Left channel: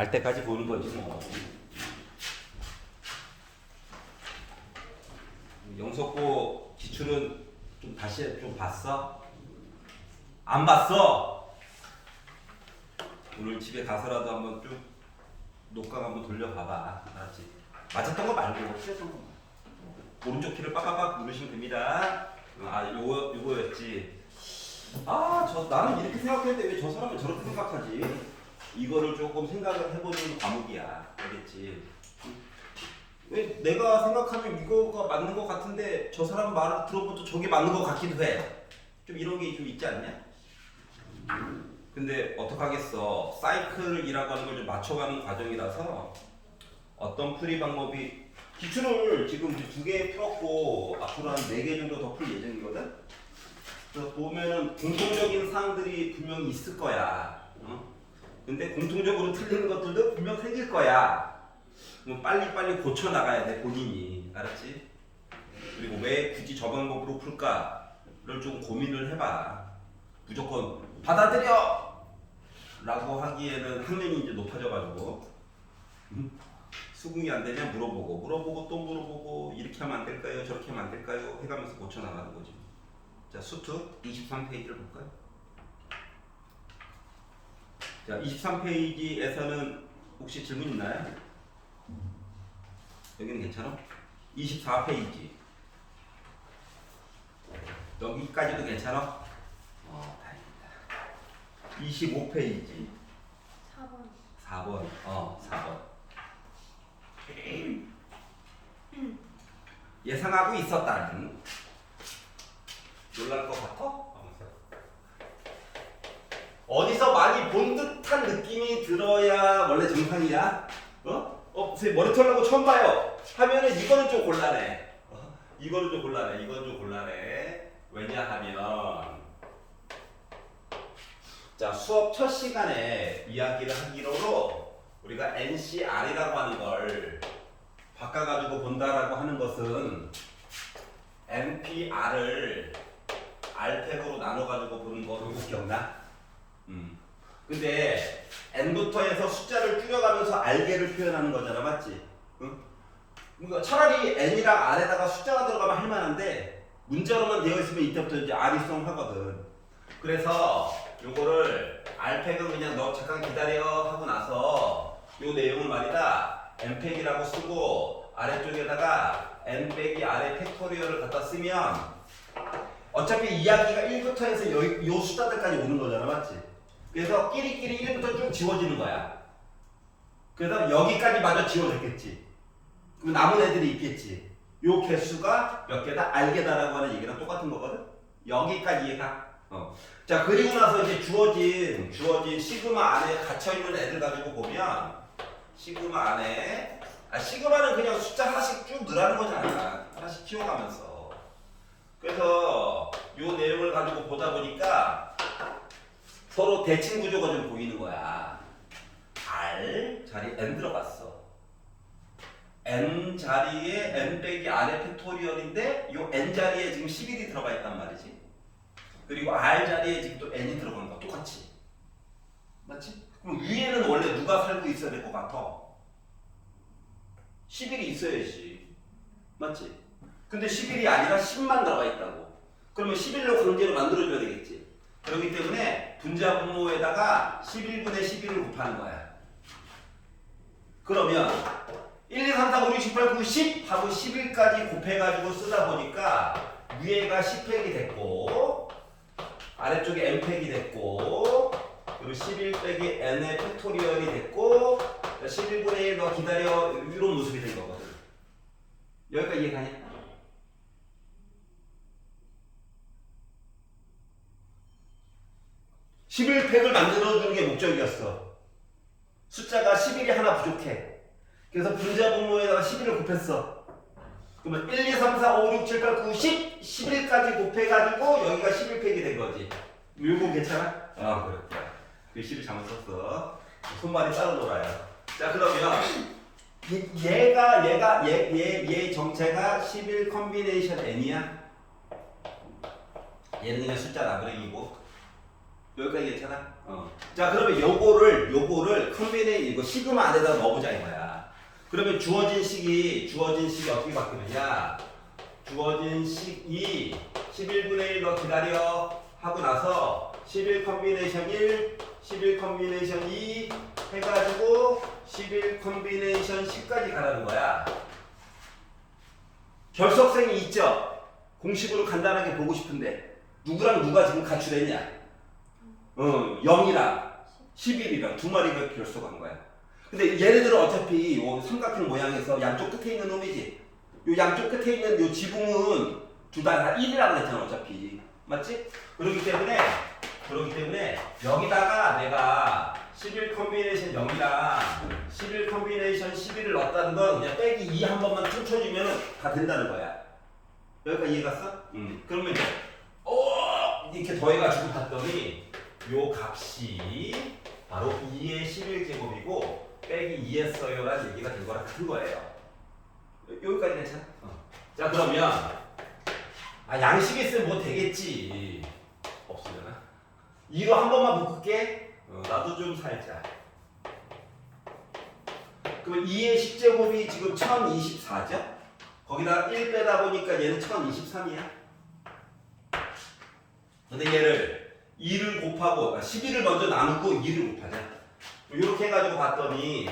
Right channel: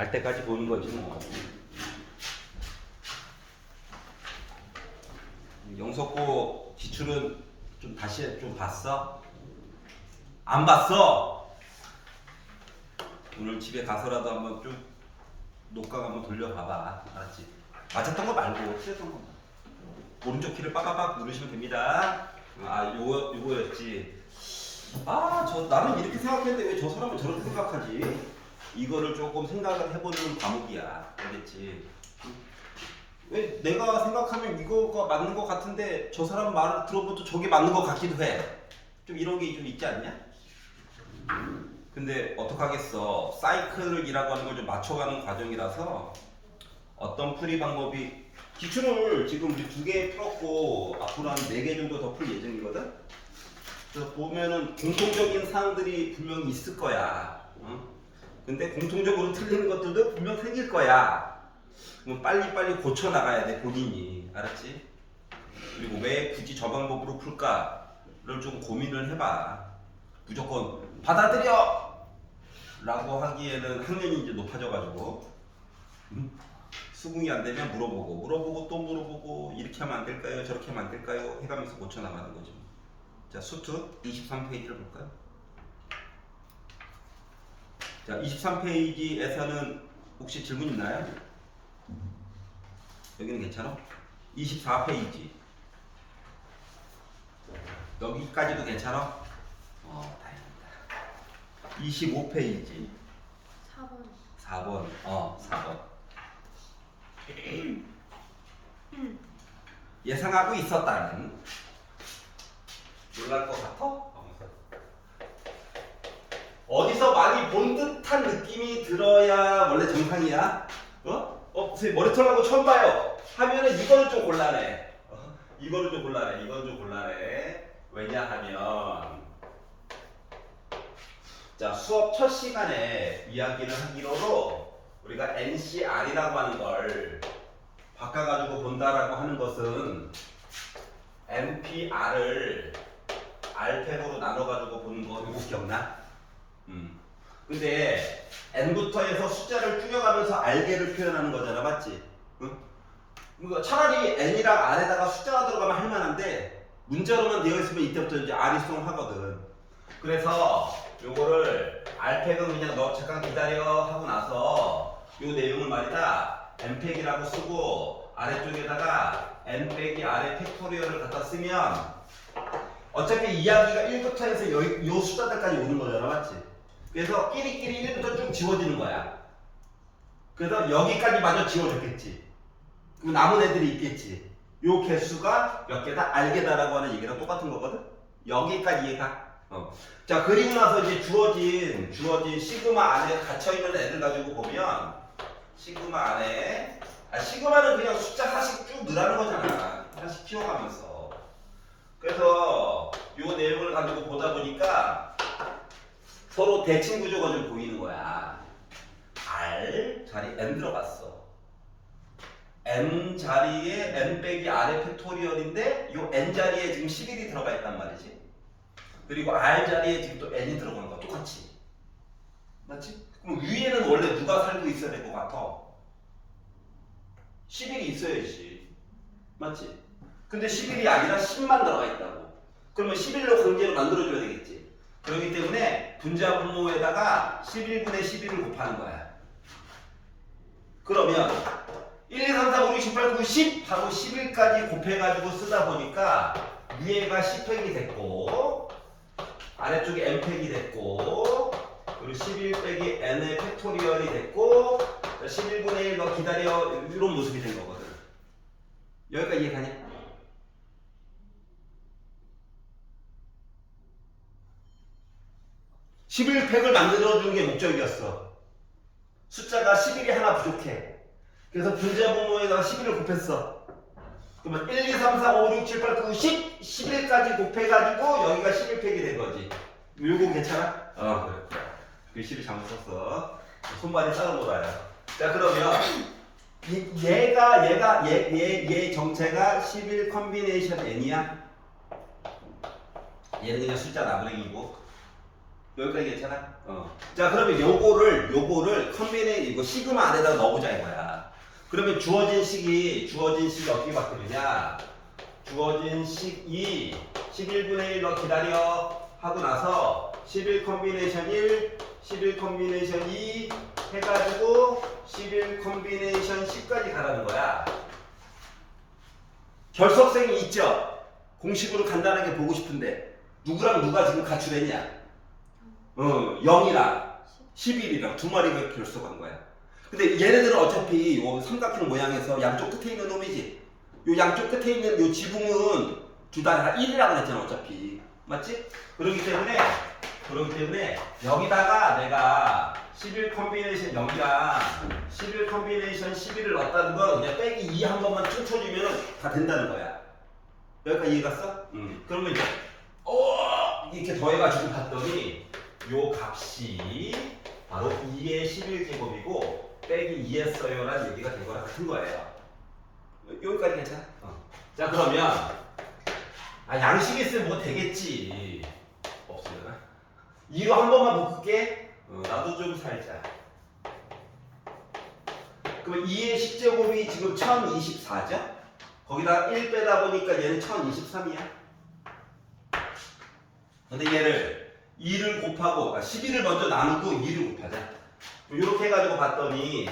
알 때까지 보는 거지 뭐. 영석고 기출은 좀 다시 좀 봤어? 안 봤어? 오늘 집에 가서라도 한번 좀 녹강 한번 돌려봐봐. 알았지? 맞았던 거 말고 틀렸던 거. 오른쪽 키를 빡빡빡 누르시면 됩니다. 아 요거였지. 나는 이렇게 생각했는데 왜 저 사람은 저렇게 생각하지? 이거를 조금 생각을 해보는 과목이야. 알겠지? 왜 내가 생각하면 이거가 맞는 것 같은데 저 사람 말을 들어보면 또 저게 맞는 것 같기도 해. 좀 이런 게 좀 있지 않냐? 근데 어떡하겠어. 사이클이라고 하는 걸 좀 맞춰가는 과정이라서 어떤 풀이 방법이 기출을 지금 우리 2개 풀었고 앞으로 한 4개 정도 더 풀 예정이거든? 그래서 보면은 공통적인 사항들이 분명히 있을 거야. 근데 공통적으로 틀리는 것들도 분명 생길 거야. 그럼 빨리빨리 고쳐나가야 돼, 본인이. 알았지? 그리고 왜 굳이 저 방법으로 풀까를 좀 고민을 해봐. 무조건 받아들여! 라고 하기에는 학년이 이제 높아져가지고 수긍이 안 되면 물어보고 또 물어보고 이렇게 하면 안 될까요? 저렇게 하면 안 될까요? 해가면서 고쳐나가는 거지. 자, 수특 23페이지를 볼까요? 자, 23페이지에서는 혹시 질문 있나요? 여기는 괜찮아? 24페이지 여기까지도 괜찮아? 다행이다. 25페이지 4번 4번 예상하고 있었다는 놀랄 것 같아? 어디서 많이 본 듯한 느낌이 들어야 원래 정상이야? 선생님 머리 털라고 처음 봐요 하면은 이거는 좀 곤란해. 이거는 좀 곤란해. 이건 좀 곤란해. 왜냐하면 자, 수업 첫 시간에 이야기를 하기로 우리가 NCR이라고 하는 걸 바꿔가지고 본다라고 하는 것은 NPR을 R팩으로 나눠가지고 보는 거 이거 기억나? 근데 N부터 해서 숫자를 줄여가면서 R개를 표현하는 거잖아, 맞지? 그러니까 차라리 N이랑 R에다가 숫자가 들어가면 할만한데 문자로만 되어 있으면 이때부터 이제 R이 수동하거든. 그래서 요거를 R팩은 그냥 너 잠깐 기다려 하고 나서 요 내용을 말이다 N팩이라고 쓰고 아래쪽에다가 N 빼기 R의 팩토리얼을 갖다 쓰면 어차피 이야기가 1부터 해서 요 숫자들까지 오는 거잖아, 맞지? 그래서 끼리끼리 1부터 쭉 지워지는 거야. 그래서 여기까지 마저 지워졌겠지. 그럼 남은 애들이 있겠지. 요 개수가 몇 개다? 알개다라고 하는 얘기랑 똑같은 거거든? 여기까지 이해가? 자, 그리고 나서 이제 주어진 시그마 안에 갇혀있는 애들 가지고 보면 시그마 안에 시그마는 그냥 숫자 하나씩 쭉 늘어나는 거잖아. 하나씩 키워가면서. 그래서 요 내용을 가지고 보다 보니까 서로 대칭 구조가 좀 보이는 거야. R 자리 N 들어갔어. N 자리에 N 빼기 R의 팩토리얼인데 요 N 자리에 지금 11이 들어가 있단 말이지. 그리고 R 자리에 지금 또 N이 들어가는 거 똑같이. 맞지? 그럼 위에는 원래 누가 살고 있어야 될 것 같아? 11이 있어야지. 맞지? 근데 11이 아니라 10만 들어가 있다고. 그러면 11로 강제로 만들어줘야 되겠지. 그렇기 때문에 분자 분모에다가 11분의 11을 곱하는 거야. 그러면 1, 2, 3, 4, 5, 6, 7, 8, 9, 10 하고 11까지 곱해가지고 쓰다 보니까 위에가 10팩이 됐고 아래쪽에 n팩이 됐고 그리고 11 빼기 n의 팩토리얼이 됐고 11분의 1 너 기다려 이런 모습이 된 거거든. 여기까지 이해가냐? 11팩을 만들어주는 게 목적이었어. 숫자가 11이 하나 부족해. 그래서 분자 분모에다가 11을 곱했어. 그러면 1, 2, 3, 4, 5, 6, 7, 8, 9, 10, 11까지 곱해가지고 여기가 11팩이 된 거지. 요거 괜찮아? 그래. 글씨를 잘못 썼어. 손발이 따로 놀아요. 자, 그러면 얘 정체가 11 컨비네이션 n이야? 얘는 그냥 숫자 나부랭이고 여기까지 괜찮아? 자 그러면 요거를 이거 시그마 안에다 넣어보자 이거야. 그러면 주어진 식이 어떻게 바뀌느냐? 주어진 식이 11분의 1 너 기다려 하고 나서 11 컨비네이션 1, 11 컨비네이션 2 해가지고 11 컨비네이션 10까지 가라는 거야. 결석생이 있죠? 공식으로 간단하게 보고 싶은데 누구랑 누가 지금 가출했냐? 0이랑 11이랑 두 마리가 결석한 거야. 근데 얘네들은 어차피 요 삼각형 모양에서 양쪽 끝에 있는 놈이지. 요 양쪽 끝에 있는 요 지붕은 둘 다 1이라고 했잖아 어차피. 맞지? 그렇기 때문에 여기다가 내가 11 컨비네이션 0이랑 11 컨비네이션 11을 넣었다는 건 그냥 빼기 2 한 번만 퉁쳐주면 다 된다는 거야. 여기까지 이해 갔어? 그러면 이제 이렇게 더해가지고 봤더니 요 값이 바로 2의 11제곱이고 빼기 2했어요 라는 얘기가 된 거랑 같은 거예요. 여기까지 괜찮아? 자 그러면 양식 있으면 뭐 되겠지. 없으려나? 2로 한 번만 묶을게. 나도 좀 살자. 그러면 2의 10제곱이 지금 1024죠? 거기다 1 빼다 보니까 얘는 1023이야. 근데 얘를 2를 곱하고 11을 먼저 나누고 2를 곱하자. 이렇게 해가지고 봤더니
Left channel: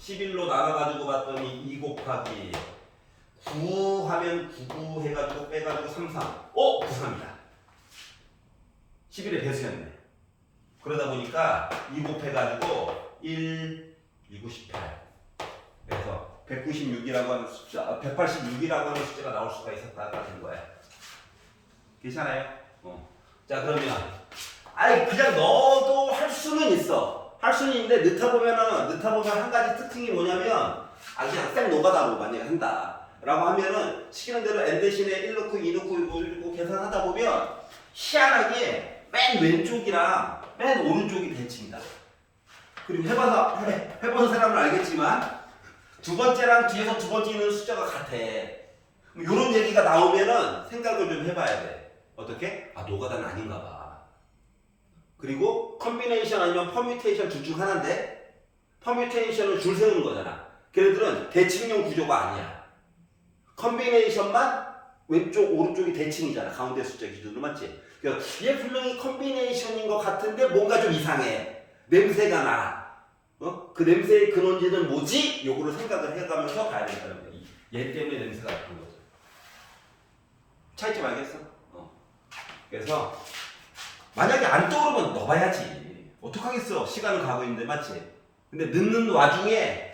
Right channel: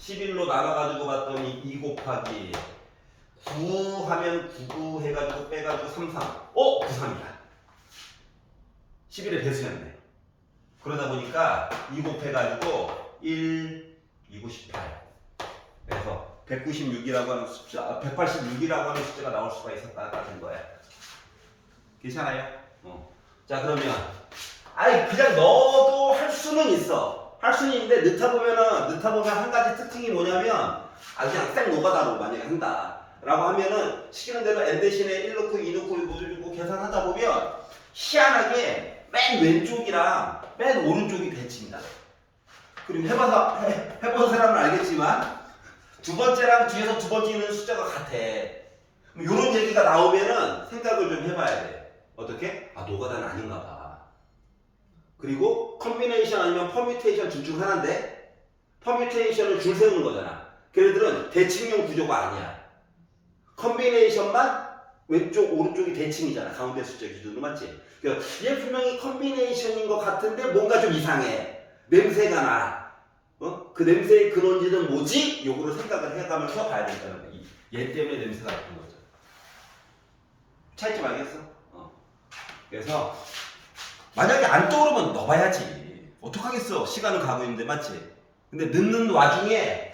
11로 나눠가지고 봤더니 2 곱하기 9 하면 99 해가지고 빼가지고 33. 93이다. 11에 배수했네. 그러다 보니까 2 곱해가지고 1, 2, 98. 그래서 196이라고 하는 숫자, 186이라고 하는 숫자가 나올 수가 있었다는 거야. 괜찮아요? 자 그러면 그냥 넣어도 할 수는 있어. 할 수는 있는데 넣다 보면 한 가지 특징이 뭐냐면 그냥 생 노가다로 만약에 한다 라고 하면은 시키는 대로 n 대신에 1 넣고 2 넣고 1 넣고 계산하다 보면 희한하게 맨 왼쪽이랑 맨 오른쪽이 대칭이다. 그리고 해본 사람은 알겠지만 두 번째랑 뒤에서 두 번째 있는 숫자가 같아. 이런 얘기가 나오면은 생각을 좀 해봐야 돼. 어떻게? 노가다는 아닌가 봐. 그리고 컨비네이션 아니면 퍼뮤테이션 둘 중 하나인데 퍼뮤테이션은 줄 세우는 거잖아. 걔네들은 대칭용 구조가 아니야. 컨비네이션만 왼쪽 오른쪽이 대칭이잖아. 가운데 숫자 기준으로 맞지? 그러니까 얘 분명히 컨비네이션인 것 같은데 뭔가 좀 이상해. 냄새가 나. 그 냄새의 근원지는 뭐지? 요거를 생각을 해가면서 가야 된다는 거야. 얘 때문에 냄새가 나는 거죠. 차이점 알겠어? 그래서 만약에 안 떠오르면 넣어봐야지. 어떡하겠어. 시간은 가고 있는데 맞지? 근데 넣는 와중에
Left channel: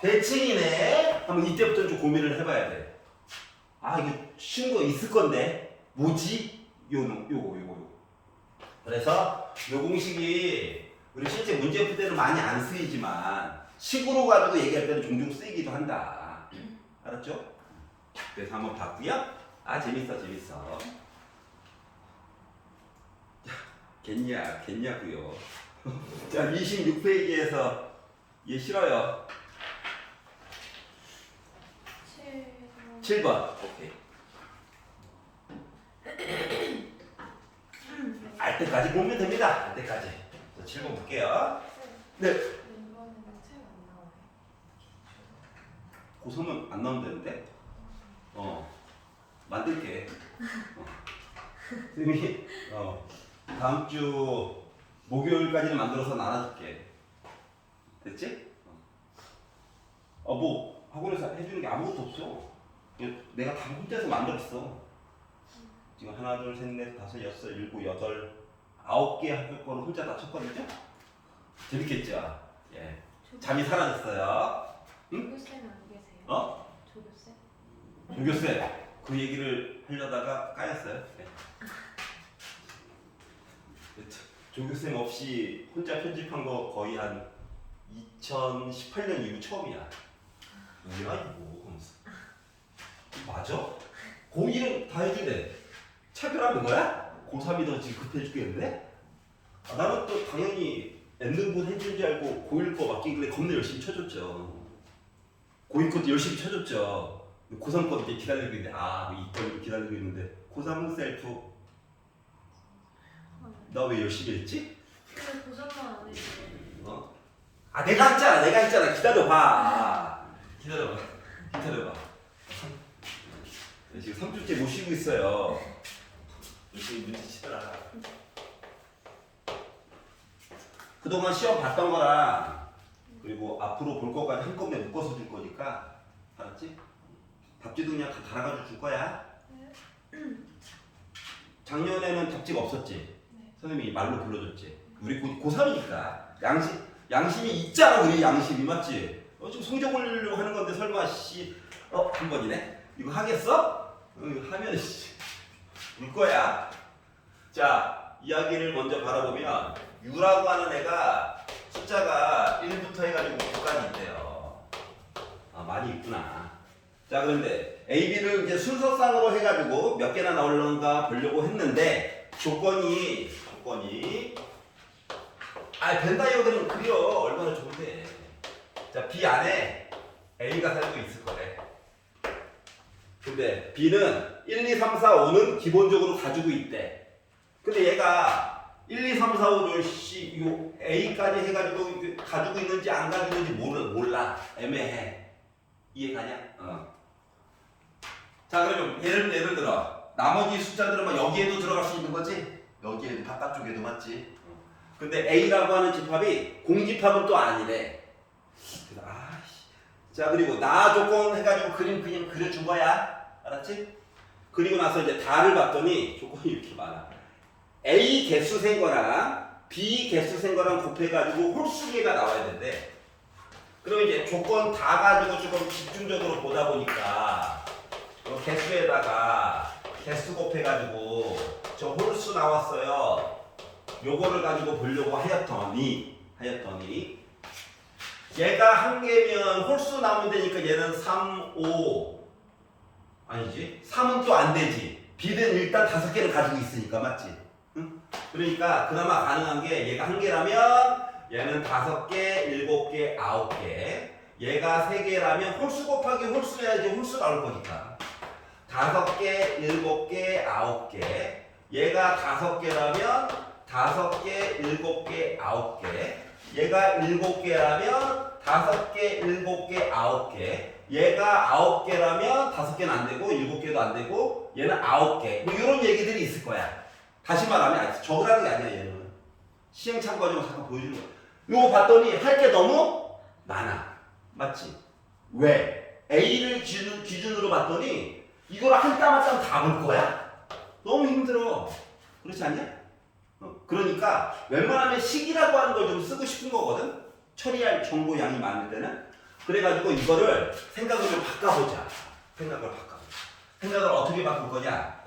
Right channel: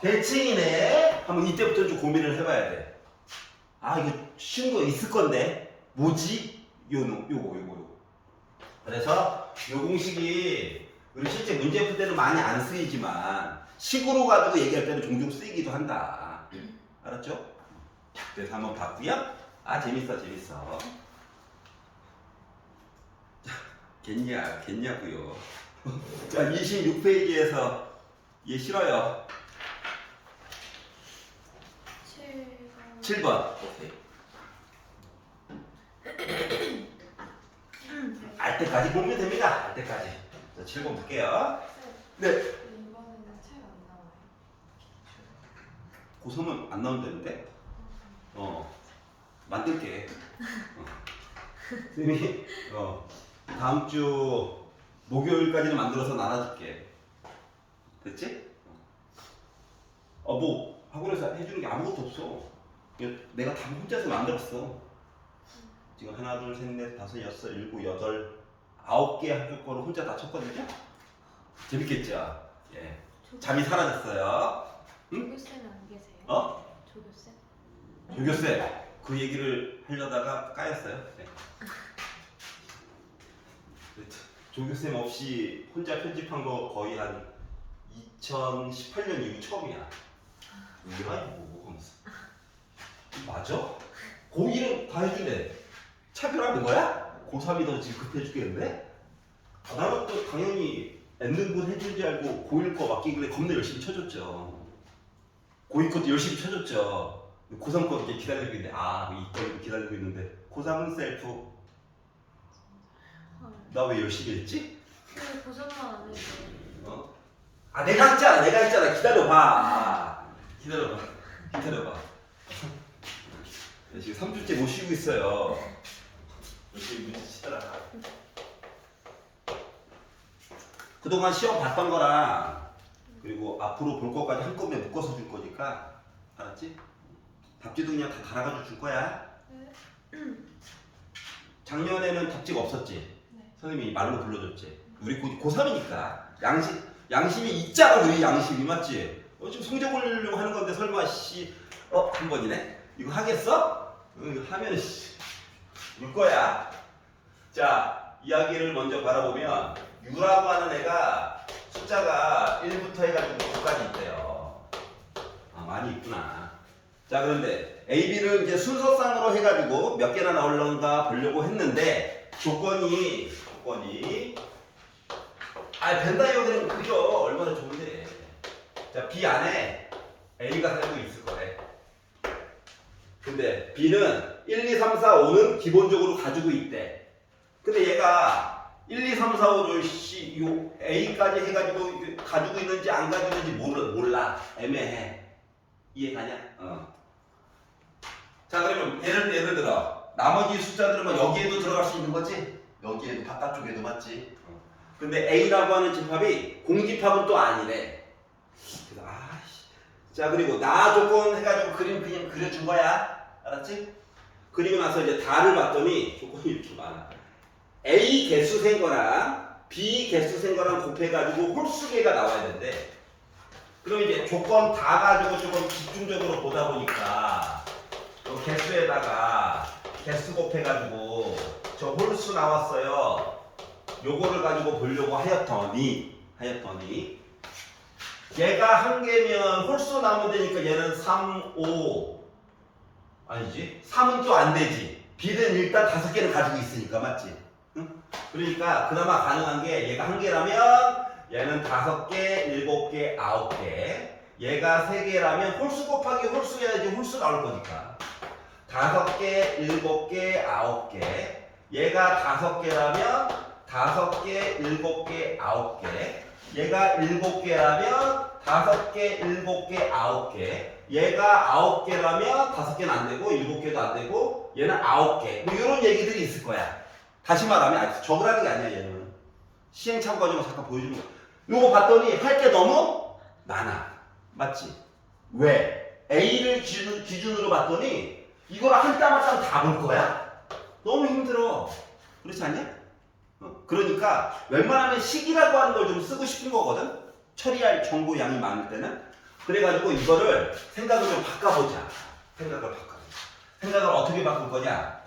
대칭이네 하면 이때부터 좀 고민을 해봐야 돼. 이거 쉬운 거 있을 건데 뭐지? 요거. 그래서 요 공식이 우리 실제 문제 풀 때는 많이 안 쓰이지만 식으로 가지고 얘기할 때는 종종 쓰이기도 한다. 알았죠? 그래서 한번 봤고요. 재밌어. 겠냐고요. 자 26페이지에서 얘 싫어요. 7번. 오케이. 알 때까지 보면 됩니다. 알 때까지. 자 7번 볼게요. 네. 이번에는 책 안 나와요. 고3은 안 나오면 되는데? 만들게. 선생님이 다음 주 목요일까지는 만들어서 나눠줄게. 됐지? 뭐 학원에서 해주는 게 아무것도 없어. 내가 다 혼자서 만들었어. 지금 하나, 둘, 셋, 넷, 다섯, 여섯, 일곱, 여덟, 9개 학교 거를 혼자 다 쳤거든요. 재밌겠죠? 예. 잠이 사라졌어요. 응? 조교쌤 안 계세요? 조교쌤? 조교쌤 그 얘기를 하려다가 까였어요. 네. 조교쌤 없이 혼자 편집한 거 거의 한 2018년 이후 처음이야. 뭐야 이거 하면서. 맞아? 고1은 다 해주네. 차별하는 거야? 고3이 더 지금 급해 죽겠는데? 나는 또 당연히 N등분 해준 줄 알고 고1 거 맡기길래 겁나 열심히 쳐줬죠. 고2 것도 열심히 쳐줬죠. 고3 거 이제 기다리고 있는데 이거 기다리고 있는데 고3은 셀프 나 왜 열심히 했지? 근데 고생만 안 해도 어? 아 내가 했잖아. 기다려봐. 기다려봐. 지금 3주째 못 쉬고 있어요. 열심히 문제 치더라. 그동안 시험 봤던 거랑 그리고 앞으로 볼 것까지 한꺼번에 묶어서 줄 거니까 알았지? 답지도 그냥 다 갈아가지고 줄 거야. 작년에는 답지가 없었지. 네. 선생님이 말로 불러줬지. 우리 고3이니까 양심이 있잖아. 우리 양심이 맞지? 지금 성적 올리려고 하는 건데 설마 한 번이네? 이거 하겠어? 이거 하면 울 거야. 자, 이야기를 먼저 바라보면 U라고 하는 애가 숫자가 1부터 해가지고 9까지 있대요. 아, 많이 있구나. 자, 그런데 A, B를 이제 순서상으로 해가지고 몇 개나 나올런가 보려고 했는데 조건이 벤다이어드는 그려 얼마나 좋은데. 자, B 안에 A가 살고 있을 거래. 근데 B는 1, 2, 3, 4, 5는 기본적으로 가지고 있대. 근데 얘가 1, 2, 3, 4, 5를 요 A까지 해가지고 가지고 있는지 안 가지고 있는지 몰라. 애매해. 이해가냐? 자, 그러면 예를 들어 나머지 숫자들은 막 여기에도 들어갈 수 있는 거지? 여기에도 바깥쪽에도 맞지? 근데 A라고 하는 집합이 공집합은 또 아니래. 그래서 자, 그리고 나 조건 해가지고 그림 그냥 그려준 거야. 알았지? 그리고 나서 이제 다를 봤더니 조건이 이렇게 많아. A 개수 센 거랑 B 개수 센 거랑 곱해가지고 홀수계가 나와야 된대. 그럼 이제 조건 다 가지고 조금 집중적으로 보다 보니까 개수에다가 개수 곱해가지고 저 홀수 나왔어요. 요거를 가지고 보려고 하였더니 얘가 한 개면 홀수 나오면 되니까 얘는 3, 5 아니지? 3은 또 안 되지. B는 일단 5개는 가지고 있으니까 맞지? 응? 그러니까 그나마 가능한 게 얘가 한 개라면 얘는 5개, 7개, 9개. 얘가 3개라면 홀수 곱하기 홀수 해야지 홀수 나올 거니까. 5개, 7개, 9개. 얘가 5개라면 5개, 7개, 9개. 얘가 7개라면 5개, 7개, 9개. 얘가 9개라면 5개는 안 되고 7개도 안 되고 얘는 9개. 뭐 이런 얘기들이 있을 거야. 다시 말하면 적으라는 게 아니야. 얘는 시행착오 과정을 잠깐 보여주는 거야. 요거 봤더니 할 게 너무 많아. 맞지? 왜? A를 기준으로 봤더니 이걸 한 땀 한 땀 다 볼 거야? 너무 힘들어. 그렇지 않냐? 그러니까 웬만하면 식이라고 하는 걸 좀 쓰고 싶은 거거든. 처리할 정보 양이 많을 때는. 그래가지고 이거를 생각을 좀 바꿔보자. 생각을 어떻게 바꿀 거냐?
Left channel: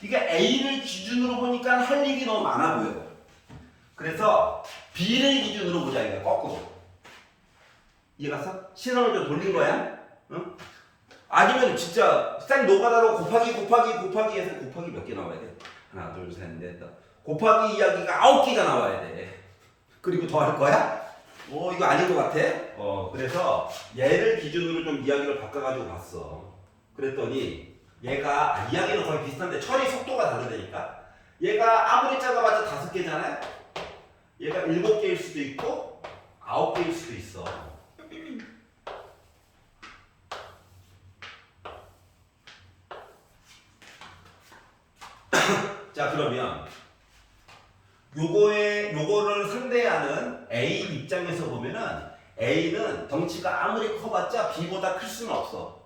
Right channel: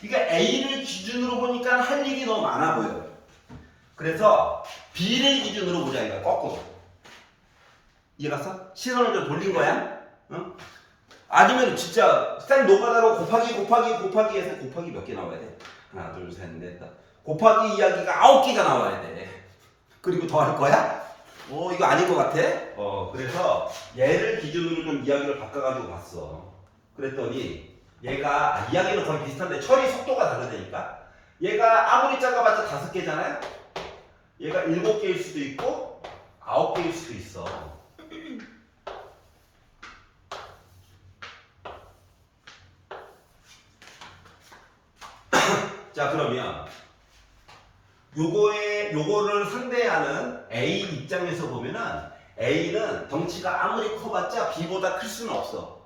그러니까 A를 기준으로 보니까 할 얘기 너무 많아 보여요. 그래서 B를 기준으로 보자 이거야. 거꾸로. 이해갔어? 시선을 좀 돌린 거야. 응? 아니면 진짜 생 노가다로 곱하기 해서 곱하기 몇 개 나와야 돼? 하나, 둘, 셋, 넷, 다섯. 곱하기 이야기가 9개가 나와야 돼. 그리고 더 할 거야? 이거 아닌 것 같아? 그래서 얘를 기준으로 좀 이야기를 바꿔가지고 봤어. 그랬더니 얘가 이야기는 거의 비슷한데 처리 속도가 다르다니까. 얘가 아무리 작아봤자 5개잖아요. 얘가 7개일 수도 있고 9개일 수도 있어. 자, 그러면 요거를 상대하는 A 입장에서 보면은 A는 덩치가 아무리 커봤자 B보다 클 수는 없어.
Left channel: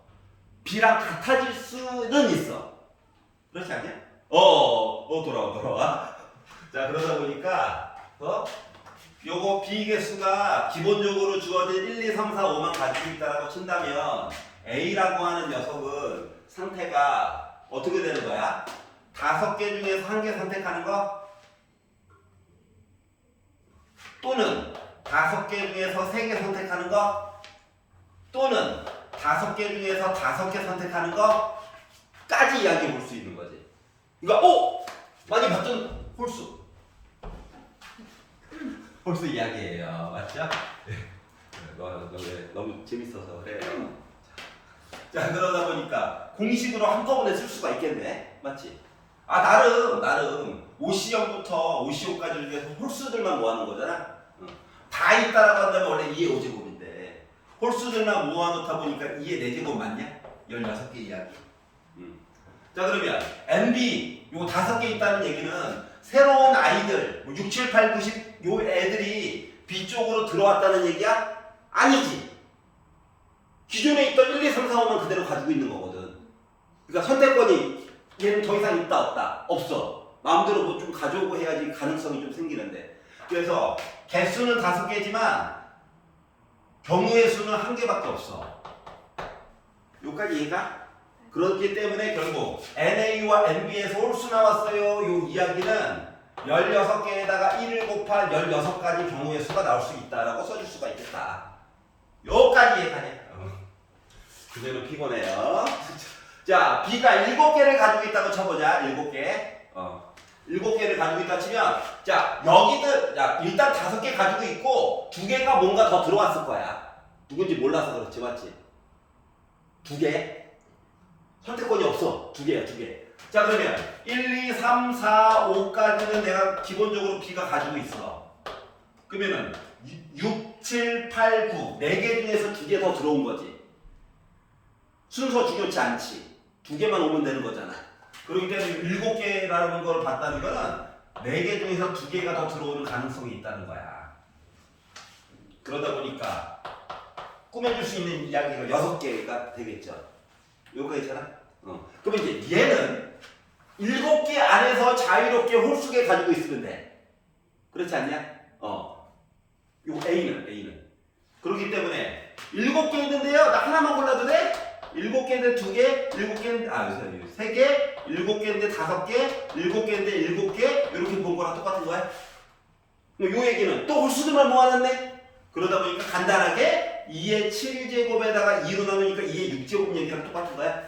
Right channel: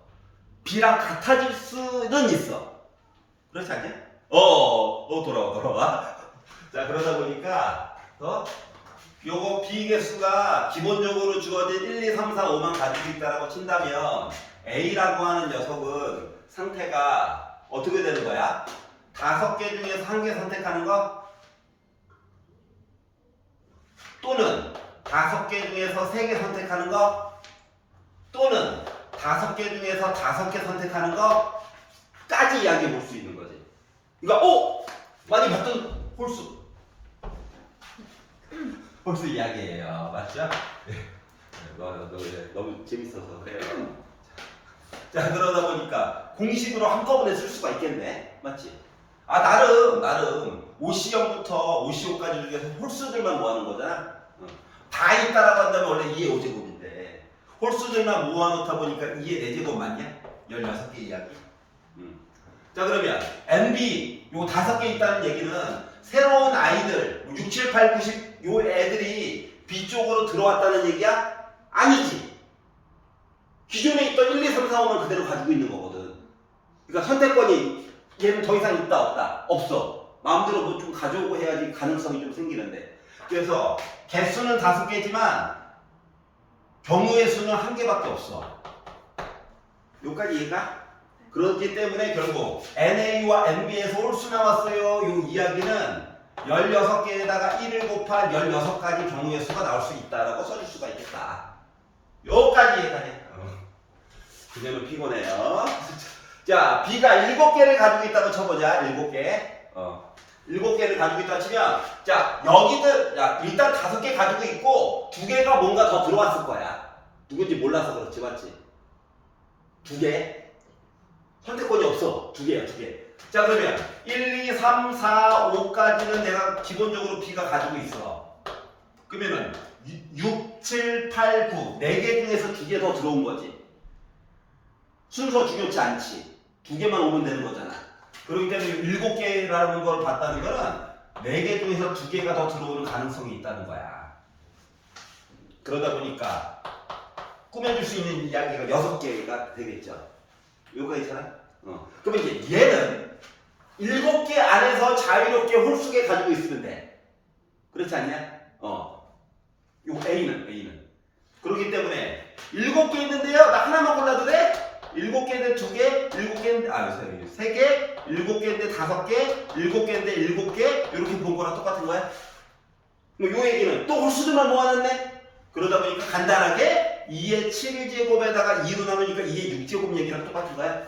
B랑 같아질 수는 있어. 그렇지 않냐? 돌아와. 자, 그러다 보니까 요거 B 개수가 기본적으로 주어진 1, 2, 3, 4, 5만 가지고 있다라고 친다면 A라고 하는 녀석은 상태가 어떻게 되는 거야? 5개 중에서 1개 선택하는 거? 또는 5개 중에서 3개 선택하는 거? 또는 5개 중에서 5개 선택하는 거까지 이야기해 볼 수 있는 거지. 그러니까 많이 봤던 홀수 이야기예요. 맞죠? 너무 재밌어서 그래요. 자, 그러다 보니까 공식으로 한꺼번에 쓸 수가 있겠네. 맞지? 나름 OC0부터 OC5까지 중에서 홀수들만 모아놓은 거잖아. 다 있다라고 한다면 원래 2의 5제곱인데 홀수들만 모아놓다 보니까 2의 4제곱 맞냐? 16개 이야기. 자 그러면 NB 요 5개 있다는 얘기는 새로운 아이들 6, 7, 8, 9, 10 요 애들이 B 쪽으로 들어왔다는 얘기야? 아니지. 기존에 있던 1, 2, 3, 4, 5만 그대로 가지고 있는 거거든. 그러니까 선택권이 얘는 더 이상 있다 없다? 없어. 마음대로 뭐 좀 가져오고 해야지 가능성이 좀 생기는데. 그래서 개수는 5개지만 경우의 수는 1개밖에 없어. 여기까지 이해가? 그렇기 때문에 결국 NA와 NB에서 홀수 나왔어요. 요 이야기는 16개에다가 1을 곱한 16가지 경우의 수가 나올 수 있다라고 써줄 수가 있겠다. 요까지 이해가네. 그녀는 피곤해요. 자, B가 7개를 가지고 있다고 쳐보자. 7개. 7개를 가지고 있다 치면, 자, 여기들, 야, 일단 5개 가지고 있고, 2개가 뭔가 더 들어왔을 거야. 누군지 몰라서 그렇지, 맞지? 2개. 선택권이 없어. 2개야, 2개. 자, 그러면 1, 2, 3, 4, 5까지는 내가 기본적으로 B가 가지고 있어. 그러면은 6, 7, 8, 9, 4개 중에서 2개 더 들어온 거지. 순서 중요치 않지. 2개만 오면 되는 거잖아. 그렇기 때문에 7개라는 걸 봤다는 거는 4개 중에서 2개가 더 들어오는 가능성이 있다는 거야. 그러다 보니까 꾸며줄 수 있는 이야기가 6개가 되겠죠. 요거 있잖아. 그러면 이제 얘는 7개 안에서 자유롭게 홀수개 가지고 있으면 돼. 그렇지 않냐? 요거 A는. 그렇기 때문에 7개 있는데요. 나 하나만 골라도 돼? 7개인데 2개, 7개인데, 3개, 7개인데 5개, 7개인데 7개, 이렇게 본 거랑 똑같은 거야. 요 얘기는 또 홀수들만 모아놨네? 그러다 보니까 간단하게 2의 7제곱에다가 2로 나누니까 2의 6제곱 얘기랑 똑같은 거야.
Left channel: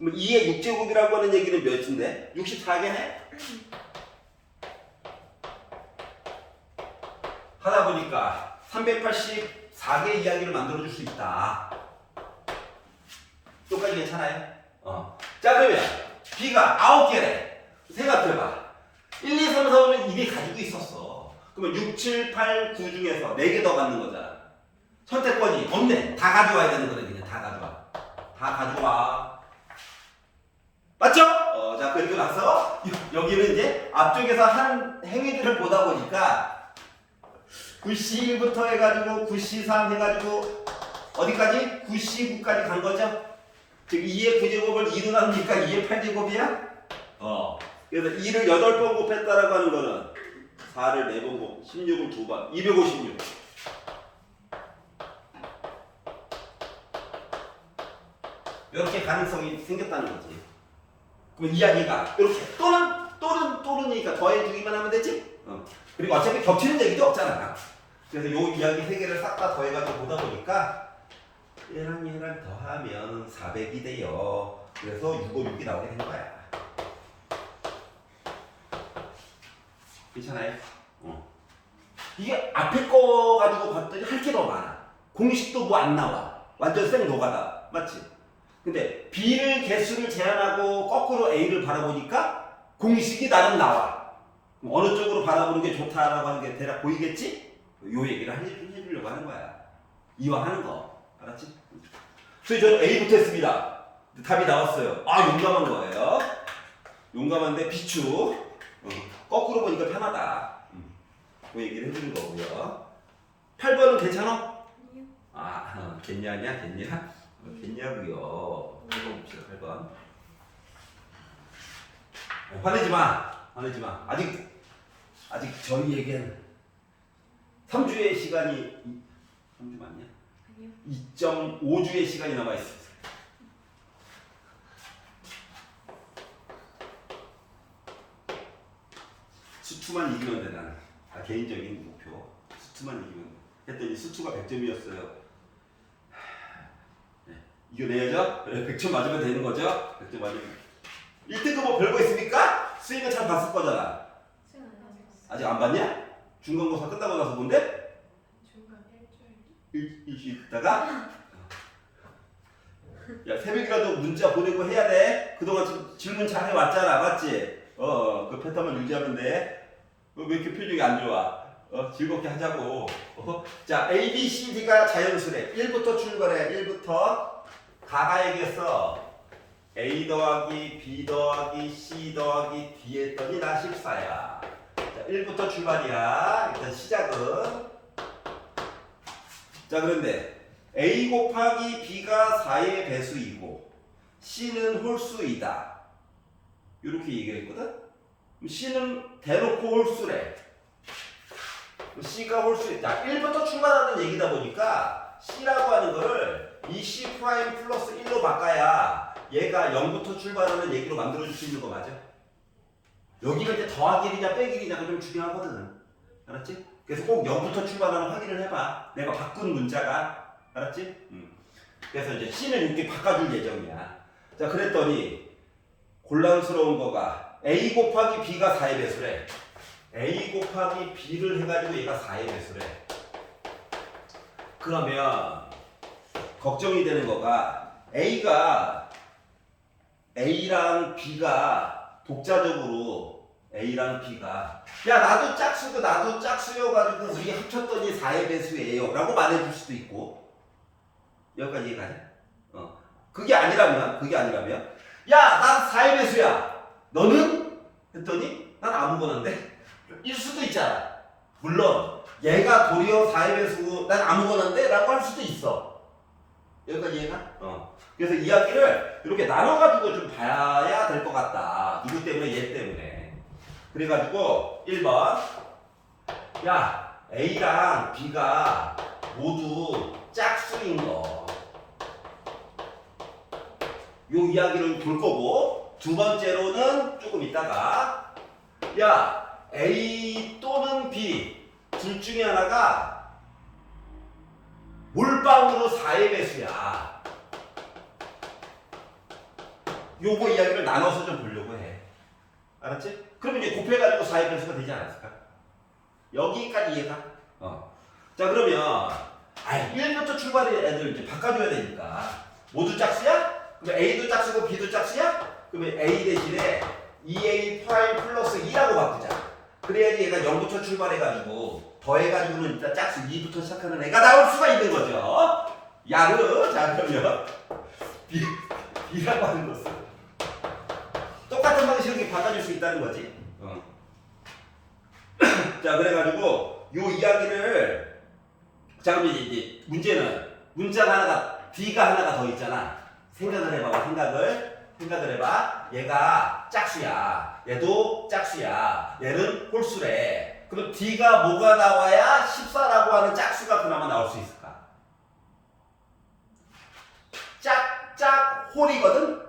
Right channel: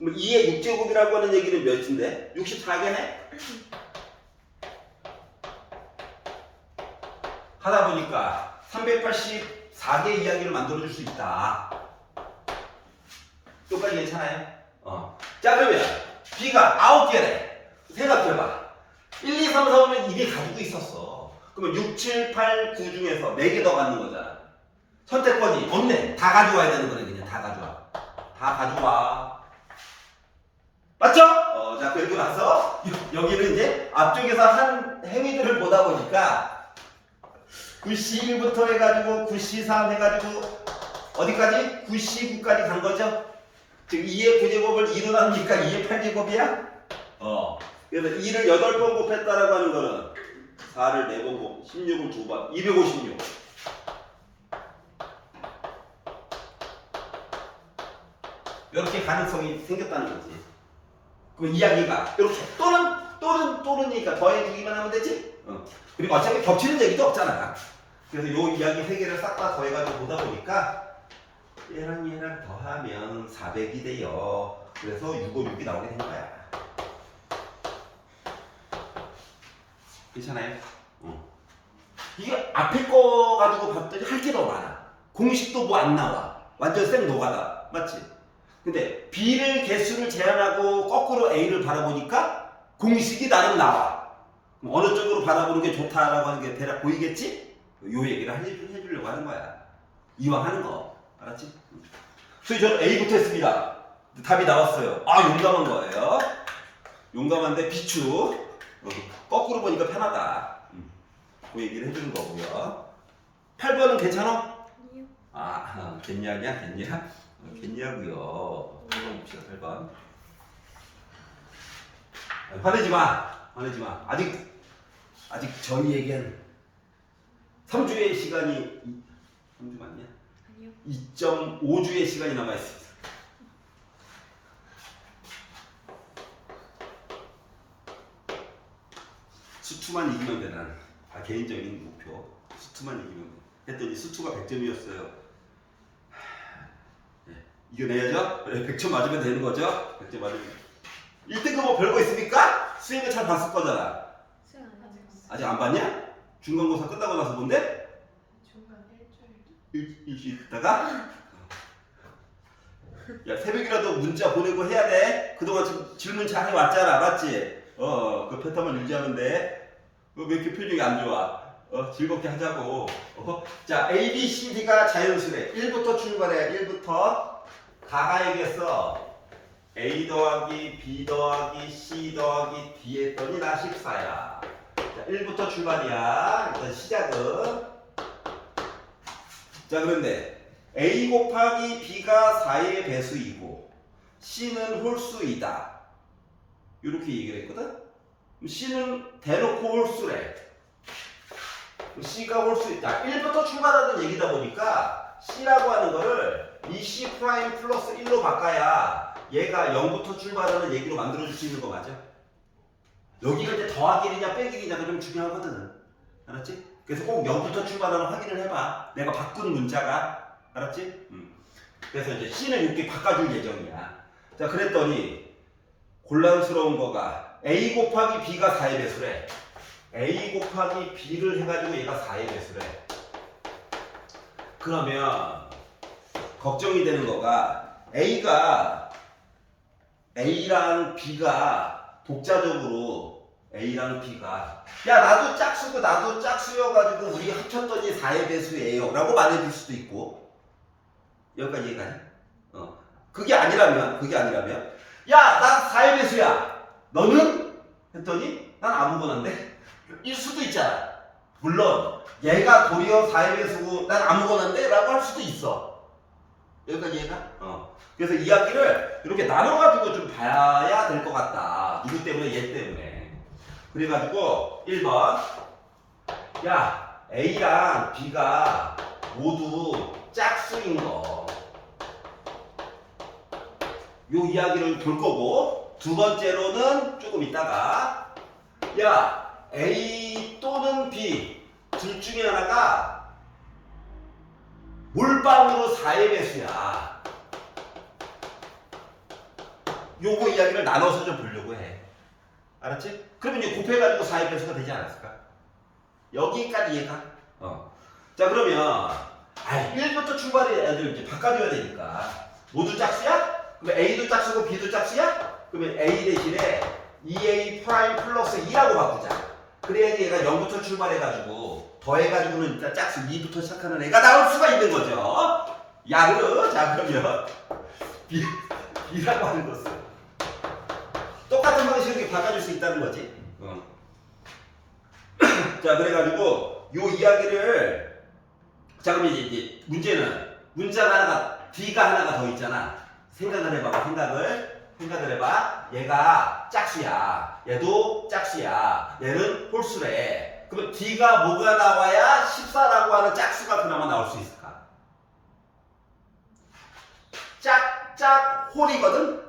2의 6제곱이라고 하는 얘기는 몇인데? 64개네? 하다 보니까 384개 이야기를 만들어줄 수 있다. 똑같이 괜찮아요? 자, 그러면 B가 9개래. 생각해봐. 1, 2, 3, 4, 5면 이미 가지고 있었어. 그러면 6, 7, 8, 9 중에서 4개 더 갖는 거잖아. 선택권이 없네. 다 가져와야 되는 거네. 그냥 다 가져와. 다 가져와. 맞죠? 자, 그렇게 봤어. 여기는 이제 앞쪽에서 한 행위들을 보다 보니까 9C1부터 해가지고 9C3 해가지고 어디까지? 9C9까지 간 거죠? 즉 2의 9제곱을 2로 나누니까 2의 8제곱이야? 그래서 2를 8번 곱했다라고 하는 거는 4를 4번 곱, 16을 2번, 256. 이렇게 가능성이 생겼다는 거지. 그럼 이야기가 이렇게 또는이니까 더해주기만 하면 되지? 그리고 어차피 겹치는 얘기도 없잖아. 그래서 이 이야기 3개를 싹 다 더해가지고 보다 보니까 얘랑 더하면 400이 돼요. 그래서 656이 나오게 된 거야. 괜찮아요? 이게 앞에 거 가지고 봤더니 할 게 더 많아. 공식도 뭐 안 나와. 완전 생 노가다. 맞지? 근데 B를 개수를 제한하고 거꾸로 A를 바라보니까 공식이 나름 나와. 그럼 어느 쪽으로 바라보는 게 좋다라고 하는 게 대략 보이겠지? 요 얘기를 해주려고 하는 거야. 이왕 하는 거. 알았지? 그래서 저는 A부터 했습니다. 답이 나왔어요. 아, 용감한 거예요. 용감한데 비추. 거꾸로 보니까 편하다. 그 얘기를 해주는 거고요. 8번은 괜찮아? 겠냐냐? 겠냐고요. 8번 봅시다. 8번. 화내지 마. 아직 저희에겐 3주의 시간이 3주 맞냐? 2.5주의 시간이 남아 있습니다. 수투만 이기면 돼. 난 개인적인 목표. 수투만 이기면 돼. 했더니 수투가 100점이었어요. 네. 이겨내야죠? 그래, 100점 맞으면 되는 거죠? 100점 맞으면 1등급 뭐 별거 있습니까? 수익은 잘 봤을 거잖아. 아직 안 봤냐? 중간고사 끝나고 나서 본데? 중간에 일주일 있다가 야, 새벽이라도 문자 보내고 해야 돼. 그동안 질문 잘 해왔잖아. 맞지? 그 패턴만 유지하면 돼. 왜 이렇게 표정이 안 좋아? 즐겁게 하자고. 자, A, B, C, D가 자연수래. 1부터 출발해. 1부터 가가야겠어. A 더하기 B 더하기 C 더하기 D 했더니 나 14야. 자, 1부터 출발이야. 일단 시작은. 자, 그런데 A 곱하기 B가 4의 배수이고 C는 홀수이다. 이렇게 얘기했거든. C는 대놓고 홀수래. C가 홀수이다. 1부터 출발하는 얘기다 보니까 C라고 하는 거를 이 C 프라임 플러스 1로 바꿔야 얘가 0부터 출발하는 얘기로 만들어줄 수 있는 거 맞아? 여기를 이제 더하기 1이냐 빼기 1이냐가 좀 중요하거든. 알았지? 그래서 꼭 0부터 출발하는 확인을 해봐. 내가 바꾼 문자가. 알았지? 그래서 이제 C는 이렇게 바꿔줄 예정이야. 자, 그랬더니 곤란스러운 거가 A 곱하기 B가 4의 배수래. A 곱하기 B를 해가지고 얘가 4의 배수래. 그러면 걱정이 되는 거가 A랑 B가 독자적으로 A랑 B가 야 나도 짝수고 나도 짝수여가지고 우리 합쳤더니 4의 배수예요 라고 말해줄 수도 있고 여기까지 이해가냐? 그게 아니라면 야 난 4의 배수야 너는? 했더니 난 아무거나인데 일 수도 있잖아. 물론 얘가 도리어 4의 배수고 난 아무거나인데 라고 할 수도 있어. 여기까지 이해가? 그래서 이야기를 이렇게 나눠가지고 좀 봐야 될 것 같다. 누구 때문에? 얘 때문에. 그래가지고 1번 야 A랑 B가 모두 짝수인 거. 요 이야기를 볼 거고 두 번째로는 조금 있다가 야 A 또는 B 둘 중에 하나가 몰빵으로 4의 배수야. 요거 이야기를 나눠서 좀 보려고 해. 알았지? 그러면 이제 곱해가지고 4의 배수가 되지 않았을까? 여기까지 이해가? 자 그러면 1부터 출발해 애들 이제 바꿔줘야 되니까 모두 짝수야? 그러면 A도 짝수고 B도 짝수야? 그러면 A 대신에 2A 프라임 플러스 2라고 바꾸자. 그래야지 얘가 0부터 출발해가지고 더해가지고는 일단 짝수 2부터 시작하는 애가 나올 수가 있는 거죠. 양으로. 자 그러면 B라고 하는 것은 똑같은 방식으로 바꿔줄 수 있다는 거지. 자 그래가지고 요 이야기를 자 그러면 이제 문제는 문자가 하나가 D가 하나가 더 있잖아. 생각을 해봐. 생각을 해봐. 얘가 짝수야. 얘도 짝수야. 얘는 홀수래. 그러면 D가 뭐가 나와야 14라고 하는 짝수가 그나마 나올 수 있을까? 짝짝 홀이거든?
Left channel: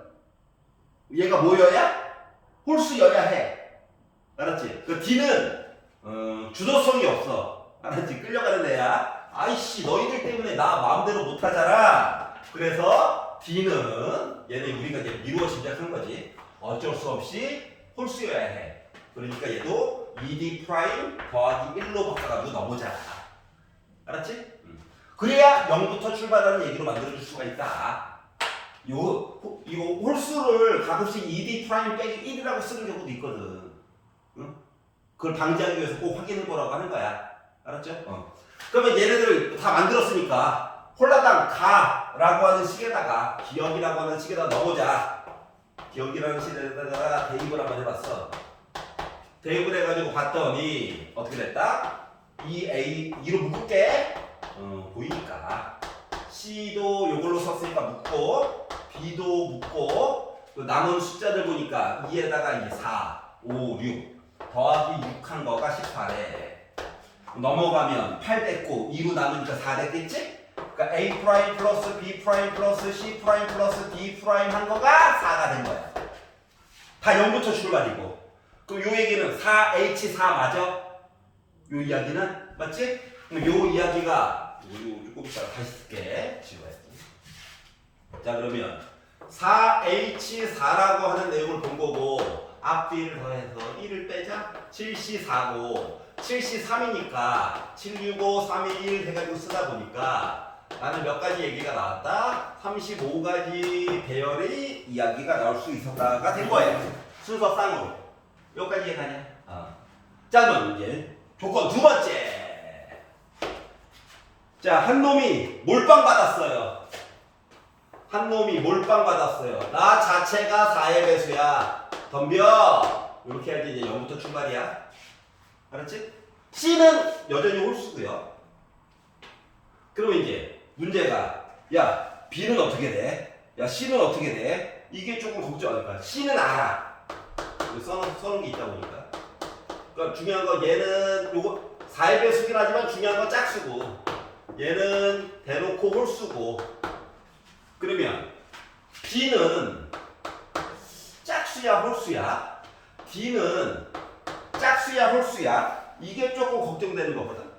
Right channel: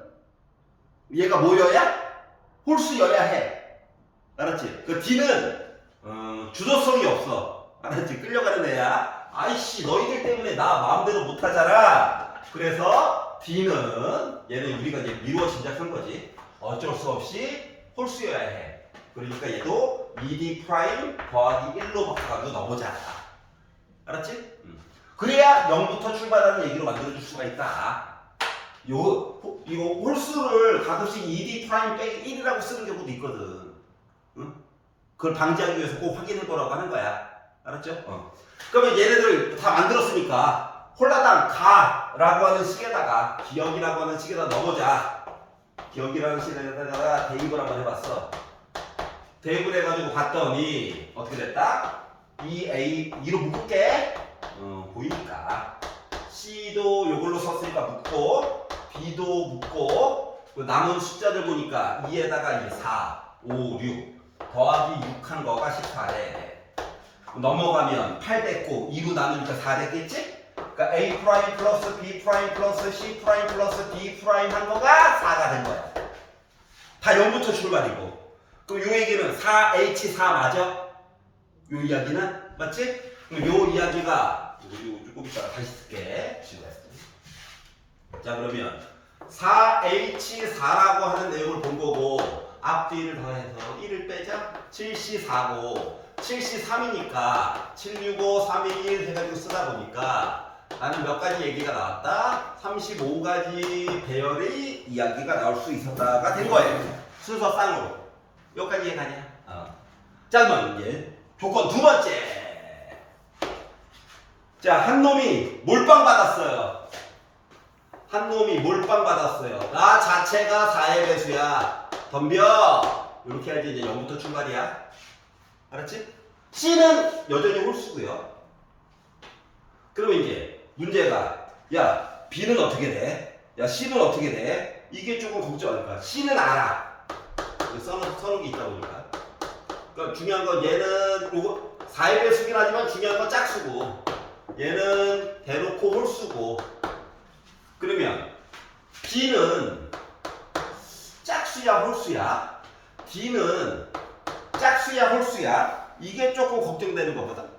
얘가 뭐여야? 홀수여야 해. 알았지? 그 D는 주도성이 없어. 알았지? 끌려가는 애야. 아이씨 너희들 때문에 나 마음대로 못하잖아. 그래서 D는 얘는 우리가 이제 미루어 짐작한 거지. 어쩔 수 없이 홀수여야 해. 그러니까 얘도 2D 프라임 더하기 1로 바꿔가지고 넣어보자. 알았지? 그래야 0부터 출발하는 얘기로 만들어줄 수가 있다. 이거 홀수를 가끔씩 2D 프라임 빼기 1이라고 쓰는 경우도 있거든. 응? 그걸 방지하기 위해서 꼭 확인해 보라고 하는 거야. 알았죠? 그러면 얘네들 다 만들었으니까 홀라당 가라고 하는 식에다가 기억이라고 하는 식에다 넣어보자. 기억이라는 식에다가 대입을 한번 해봤어. 대입을 해가지고 봤더니 어떻게 됐다? 2로 묶을게. 보이니까 C도 요걸로 썼으니까 묶고 B도 묶고 남은 숫자들 보니까 2에다가 4, 5, 6 더하기 6 한 거가 14래. 넘어가면 8 됐고 2로 나누니까 4 됐겠지? 그러니까 A 프라임 플러스 B 프라임 플러스 C 프라임 플러스 D 프라임 한 거가 4가 된 거야. 다 0부터 출발이고. 그럼 요 얘기는 4H4 맞아? 요 이야기는? 맞지? 그럼 요 이야기가 요 조금 있다가 다시 쓸게. 자 그러면 4H4라고 하는 내용을 본 거고 앞뒤를 더해서 1을 빼자. 7C4고 7C3이니까 765, 321 해가지고 쓰다 보니까 나는 몇 가지 얘기가 나왔다. 35가지 배열의 이야기가 나올 수 있었다가 된 거예요. 순서상으로. 여기까지 이해가냐? 자, 그럼 이제 조건 두 번째. 자, 한 놈이 몰빵 받았어요. 한 놈이 몰빵 받았어요. 나 자체가 4의 배수야. 덤벼. 이렇게 할때 이제 0부터 출발이야. 알았지? C는 여전히 홀수고요. 그러면 이제 문제가 야 B는 어떻게 돼? 야 C는 어떻게 돼? 이게 조금 걱정할 거야. C는 알아. 써놓은 게 있다 보니까. 그러니까 중요한 건 얘는 요거 4의 배수긴 하지만 중요한 건 짝수고 얘는 대놓고 홀수고 그러면 B는 짝수야 홀수야? D는 짝수야 홀수야? 이게 조금 걱정되는 거거든.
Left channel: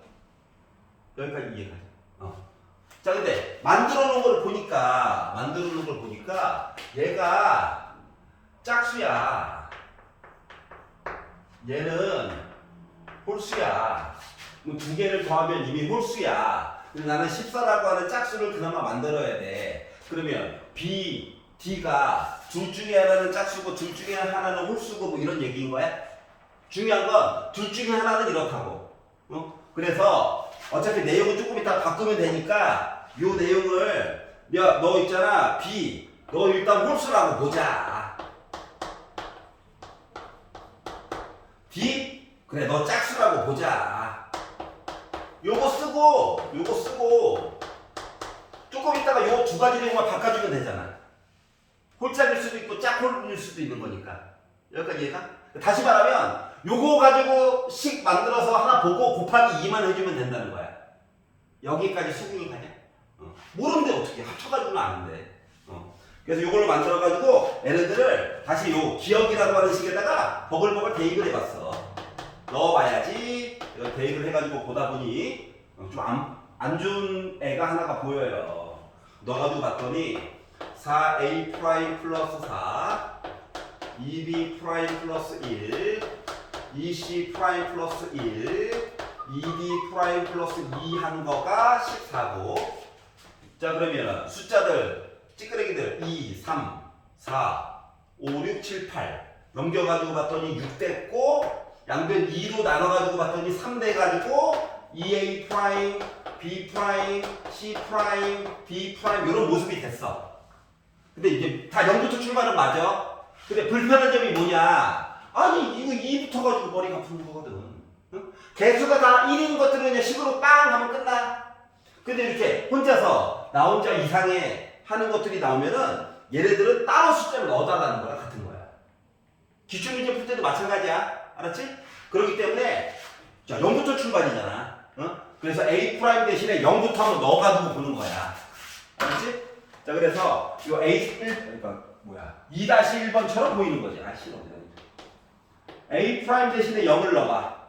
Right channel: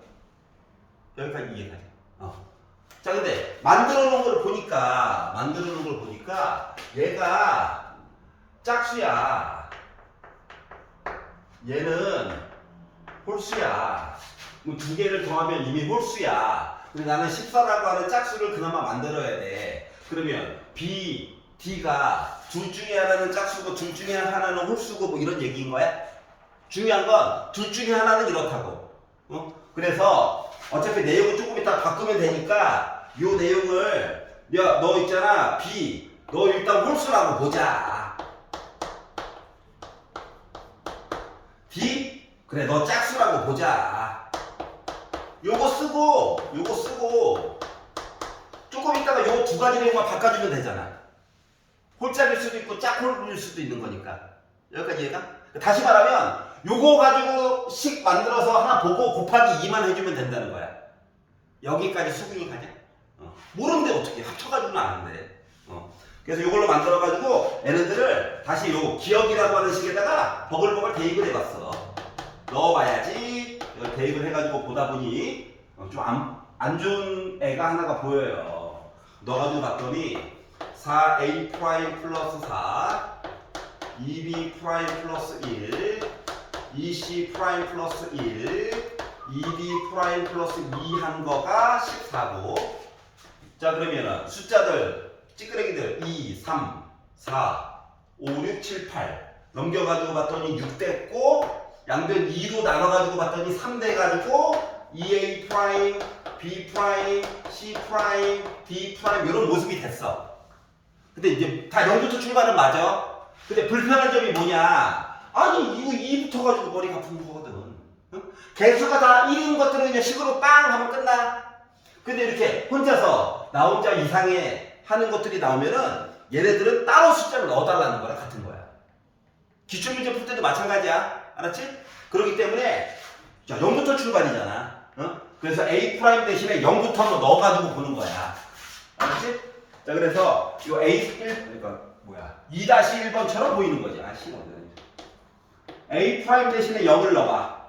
여기까지 이해가지? 자, 근데 만들어 놓은 걸 보니까 얘가 짝수야. 얘는 홀수야. 두 개를 더하면 이미 홀수야. 근데 나는 14라고 하는 짝수를 그나마 만들어야 돼. 그러면 B, D가 둘 중에 하나는 짝수고 둘 중에 하나는 홀수고 뭐 이런 얘기인 거야? 중요한 건 둘 중에 하나는 이렇다고. 그래서 어차피 내용을 조금 이따 바꾸면 되니까 요 내용을 야, 너 있잖아 B, 너 일단 홀수라고 보자. D, 그래 너 짝수라고 보자. 요거 쓰고 조금 있다가 요 두 가지 내용만 바꿔주면 되잖아. 홀짝일 수도 있고 짝홀일 수도 있는 거니까. 여기까지 이해가? 다시 말하면 요거 가지고 식 만들어서 하나 보고 곱하기 2만 해주면 된다는 거야. 여기까지 수긍이 가냐? 모르는데 어떻게 합쳐가지고는 아는데. 그래서 요걸로 만들어가지고 얘네들을 다시 요 기억이라고 하는 식에다가 버글버글 대입을 해봤어. 넣어봐야지. 대입을 해가지고 보다 보니 좀 안 좋은 애가 하나가 보여요. 넣어가지고 봤더니 4a 프라임 플러스 4 2b 프라임 플러스 1 2c 프라임 플러스 1 2d 프라임 플러스 2 한 거가 14고. 자, 그러면은 숫자들 찌끄레기들 2, 3, 4, 5, 6, 7, 8 넘겨가지고 봤더니 6 됐고 양변 2로 나눠가지고 봤더니 3 돼가지고 2a 프라임, b 프라임, c 프라임, d 프라임 이런 모습이 됐어. 근데 이제 다 0부터 출발은 맞아. 근데 불편한 점이 뭐냐? 아니 이거 2부터 가지고 머리가 아픈 거거든. 응? 개수가 다 1인 것들은 그냥 식으로 빵 하면 끝나. 근데 이렇게 혼자서 나 혼자 이상해 하는 것들이 나오면은 얘네들은 따로 숫자를 넣어달라는 거야. 같은 거야. 기출문제 풀 때도 마찬가지야. 알았지? 그렇기 때문에 자 0부터 출발이잖아. 그래서 A 프라임 대신에 0부터 한번 넣어가지고 보는 거야. 알았지? 자, 그래서 이 A1 그러니까 뭐야 2-1번처럼 보이는 거지. A 프라임 대신에 0을 넣어봐.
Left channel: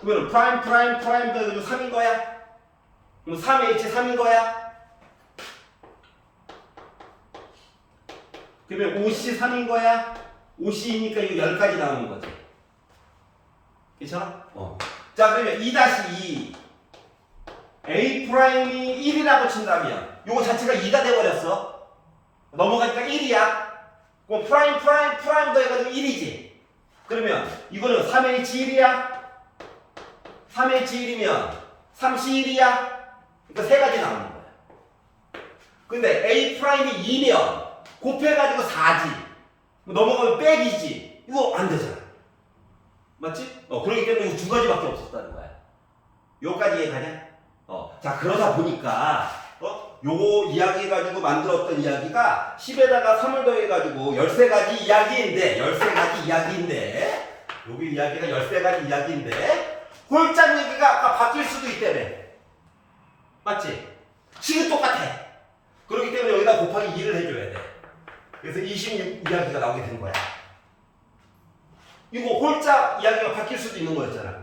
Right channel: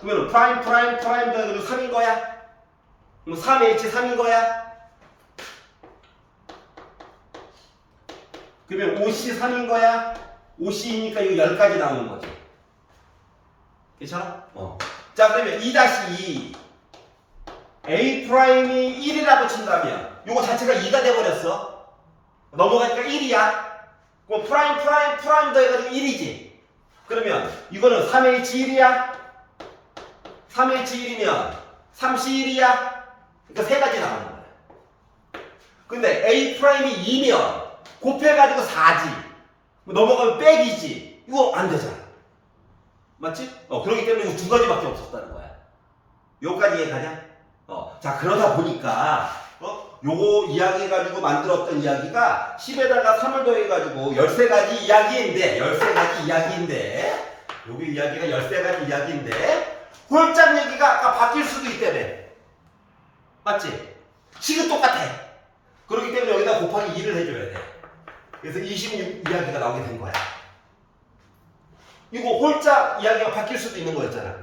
그러면 프라임 더해가지고 3인 거야. 그럼 3H 3인 거야. 그러면 5C 3인 거야. 5C이니까 이거 10가지 나오는 거지. 괜찮아? 자, 그러면 2-2 A 프라임이 1이라고 친다면 요거 자체가 2가 돼버렸어. 넘어가니까 1이야. 그럼 프라임 더해가지고 1이지. 그러면 이거는 3H1이야. 3H1이면 3C1이야. 그러니까 세 가지 나오는 거야. 근데 A 프라임이 2면 곱해가지고 4지. 넘어가면 빼기지. 이거 안 되잖아. 맞지? 그렇기 때문에 이거 두 가지밖에 없었다는 거야. 요까지 이해가냐? 자, 그러다 보니까 요거 이야기해가지고 만들었던 이야기가 10에다가 3을 더해가지고 13가지 이야기인데 여기 이야기가 13가지 이야기인데 홀짝 얘기가 아까 바뀔 수도 있다며. 맞지? 식은 똑같아. 그렇기 때문에 여기다 곱하기 2를 해줘야 돼. 그래서 26 이야기가 나오게 된 거야. 이거 홀짝 이야기가 바뀔 수도 있는 거였잖아.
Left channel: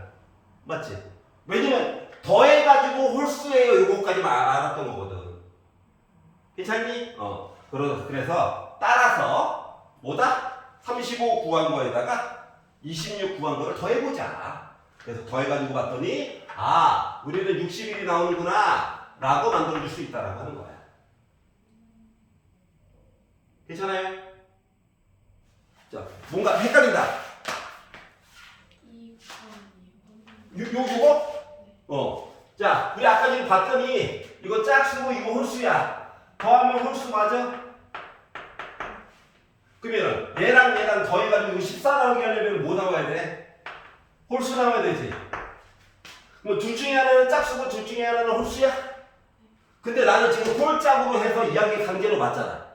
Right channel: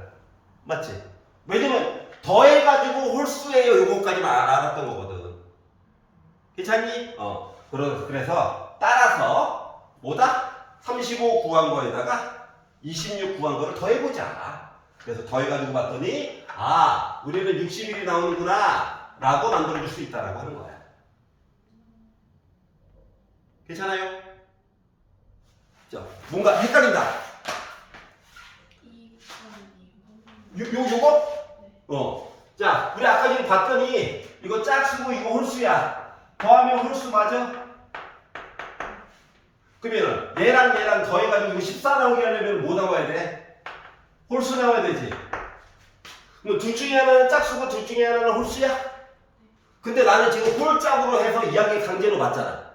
맞지? 왜냐면 더해가지고 홀수예요. 요거까지만 알았던 거거든. 괜찮니? 그래서 따라서 뭐다? 35 구한 거에다가 26 구한 거를 더해보자. 그래서 더해가지고 봤더니 우리는 61이 나오는구나 라고 만들어줄 수 있다라고 하는 거야. 괜찮아요? 자, 뭔가 헷갈린다. 요거? 자, 우리 아까 지금 봤더니 이거 짝수고 이거 홀수야. 더하면 홀수 맞아? 그러면은 얘랑 더해가지고 이거 14 나오게 하려면 뭐 나와야 돼? 홀수 나와야 되지. 뭐 둘 중에 하나는 짝수고 둘 중에 하나는 홀수야? 근데 나는 지금 홀짝으로 해서 이야기 강제로 맞잖아.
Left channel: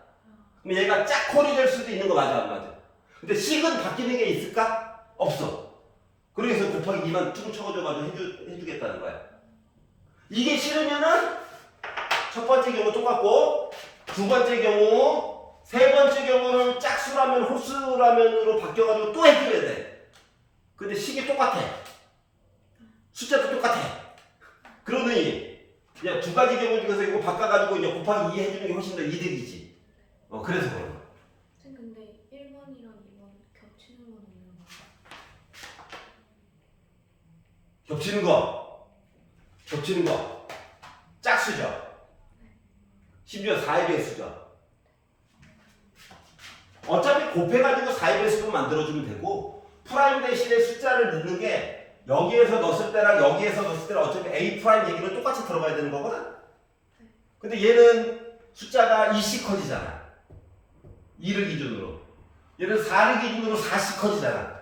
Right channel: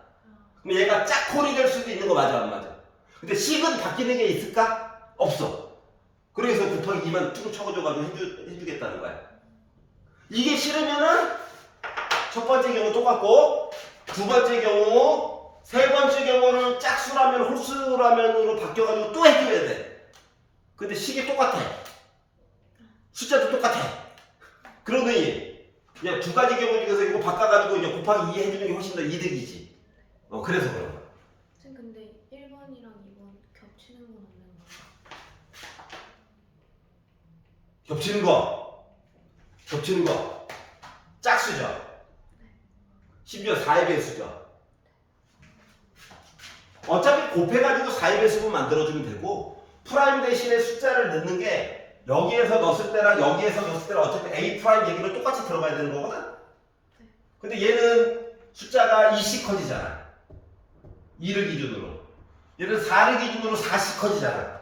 그럼 얘가 짝홀이 될 수도 있는 거 맞아 안 맞아? 근데 식은 바뀌는 게 있을까? 없어. 그래서 곱하기 2만 쭉 쳐줘가지고 해주겠다는 거야. 이게 싫으면은 첫 번째 경우 똑같고 두 번째 경우 세 번째 경우를 짝수라면 홀수라면으로 바뀌어가지고 또 해줘야 돼. 근데 식이 똑같아. 숫자도 똑같아. 그러니 그냥 두 가지 경우 중에서 이거 바꿔가지고 이제 곱하기 2 해주는 게 훨씬 더 이득이지. 그래서 그런 거야. 쌤 근데 1번이랑 2번 겹치는 건 없는 거야? 겹치는 거 짝수죠. 심지어 4의 배수죠. 어차피 곱해가지고 4의 배수로 만들어주면 되고 프라임 대신에 숫자를 넣는 게 여기에서 넣었을 때랑 여기에서 넣었을 때랑 어차피 A 프라임 얘기는 똑같이 들어가야 되는 거거든. 근데 얘는 숫자가 2씩 커지잖아. 2를 기준으로. 얘는 4를 기준으로 4씩 커지잖아.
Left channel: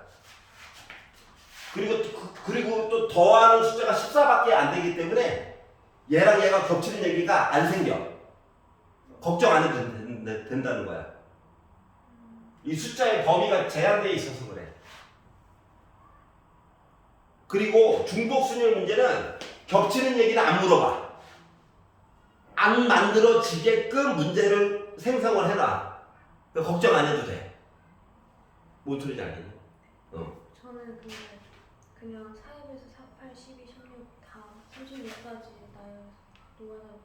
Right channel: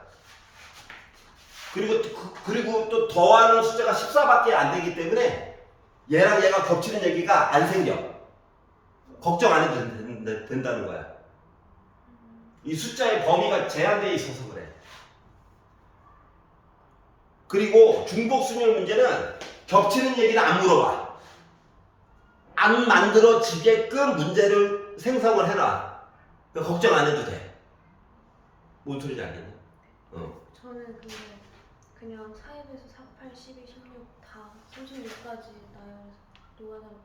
그리고 또 더하는 숫자가 14밖에 안 되기 때문에 얘랑 얘가 겹치는 얘기가 안 생겨. 걱정 안 해도 된다는 거야. 이 숫자의 범위가 제한되어 있어서 그래. 그리고 중복순열 문제는 겹치는 얘기는 안 물어봐. 안 만들어지게끔 문제를 생성을 해놔. 그러니까 걱정 안 해도 돼. 뭔 소리인지 알겠니? 저는 근데 그냥 4에서 4, 8, 12, 16 다 36까지 놓아달라고 그러는데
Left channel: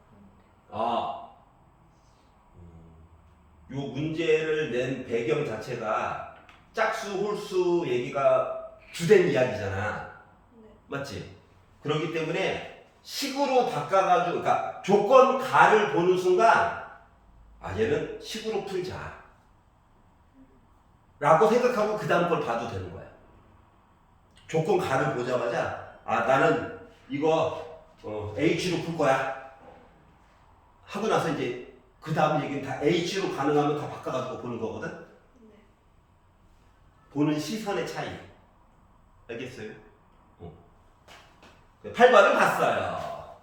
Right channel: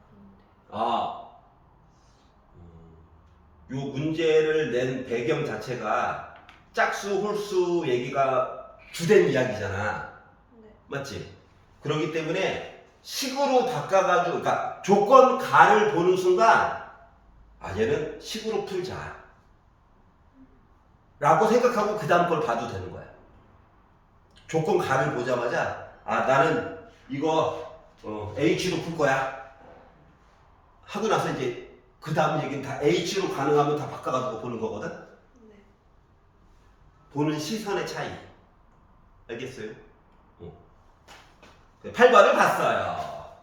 요 문제를 낸 배경 자체가 짝수, 홀수 얘기가 주된 이야기잖아. 네. 맞지? 그렇기 때문에 식으로 바꿔가지고, 그러니까 조건 가를 보는 순간, 얘는 식으로 풀자. 라고 생각하고 그 다음 걸 봐도 되는 거야. 조건 가를 보자마자, 나는 이거 H로 풀 거야. 하고 나서 이제 그 다음 얘기는 다 H로 가능하면 다 바꿔가지고 보는 거거든? 네. 보는 시선의 차이. 알겠어요? 8번을 봤어요.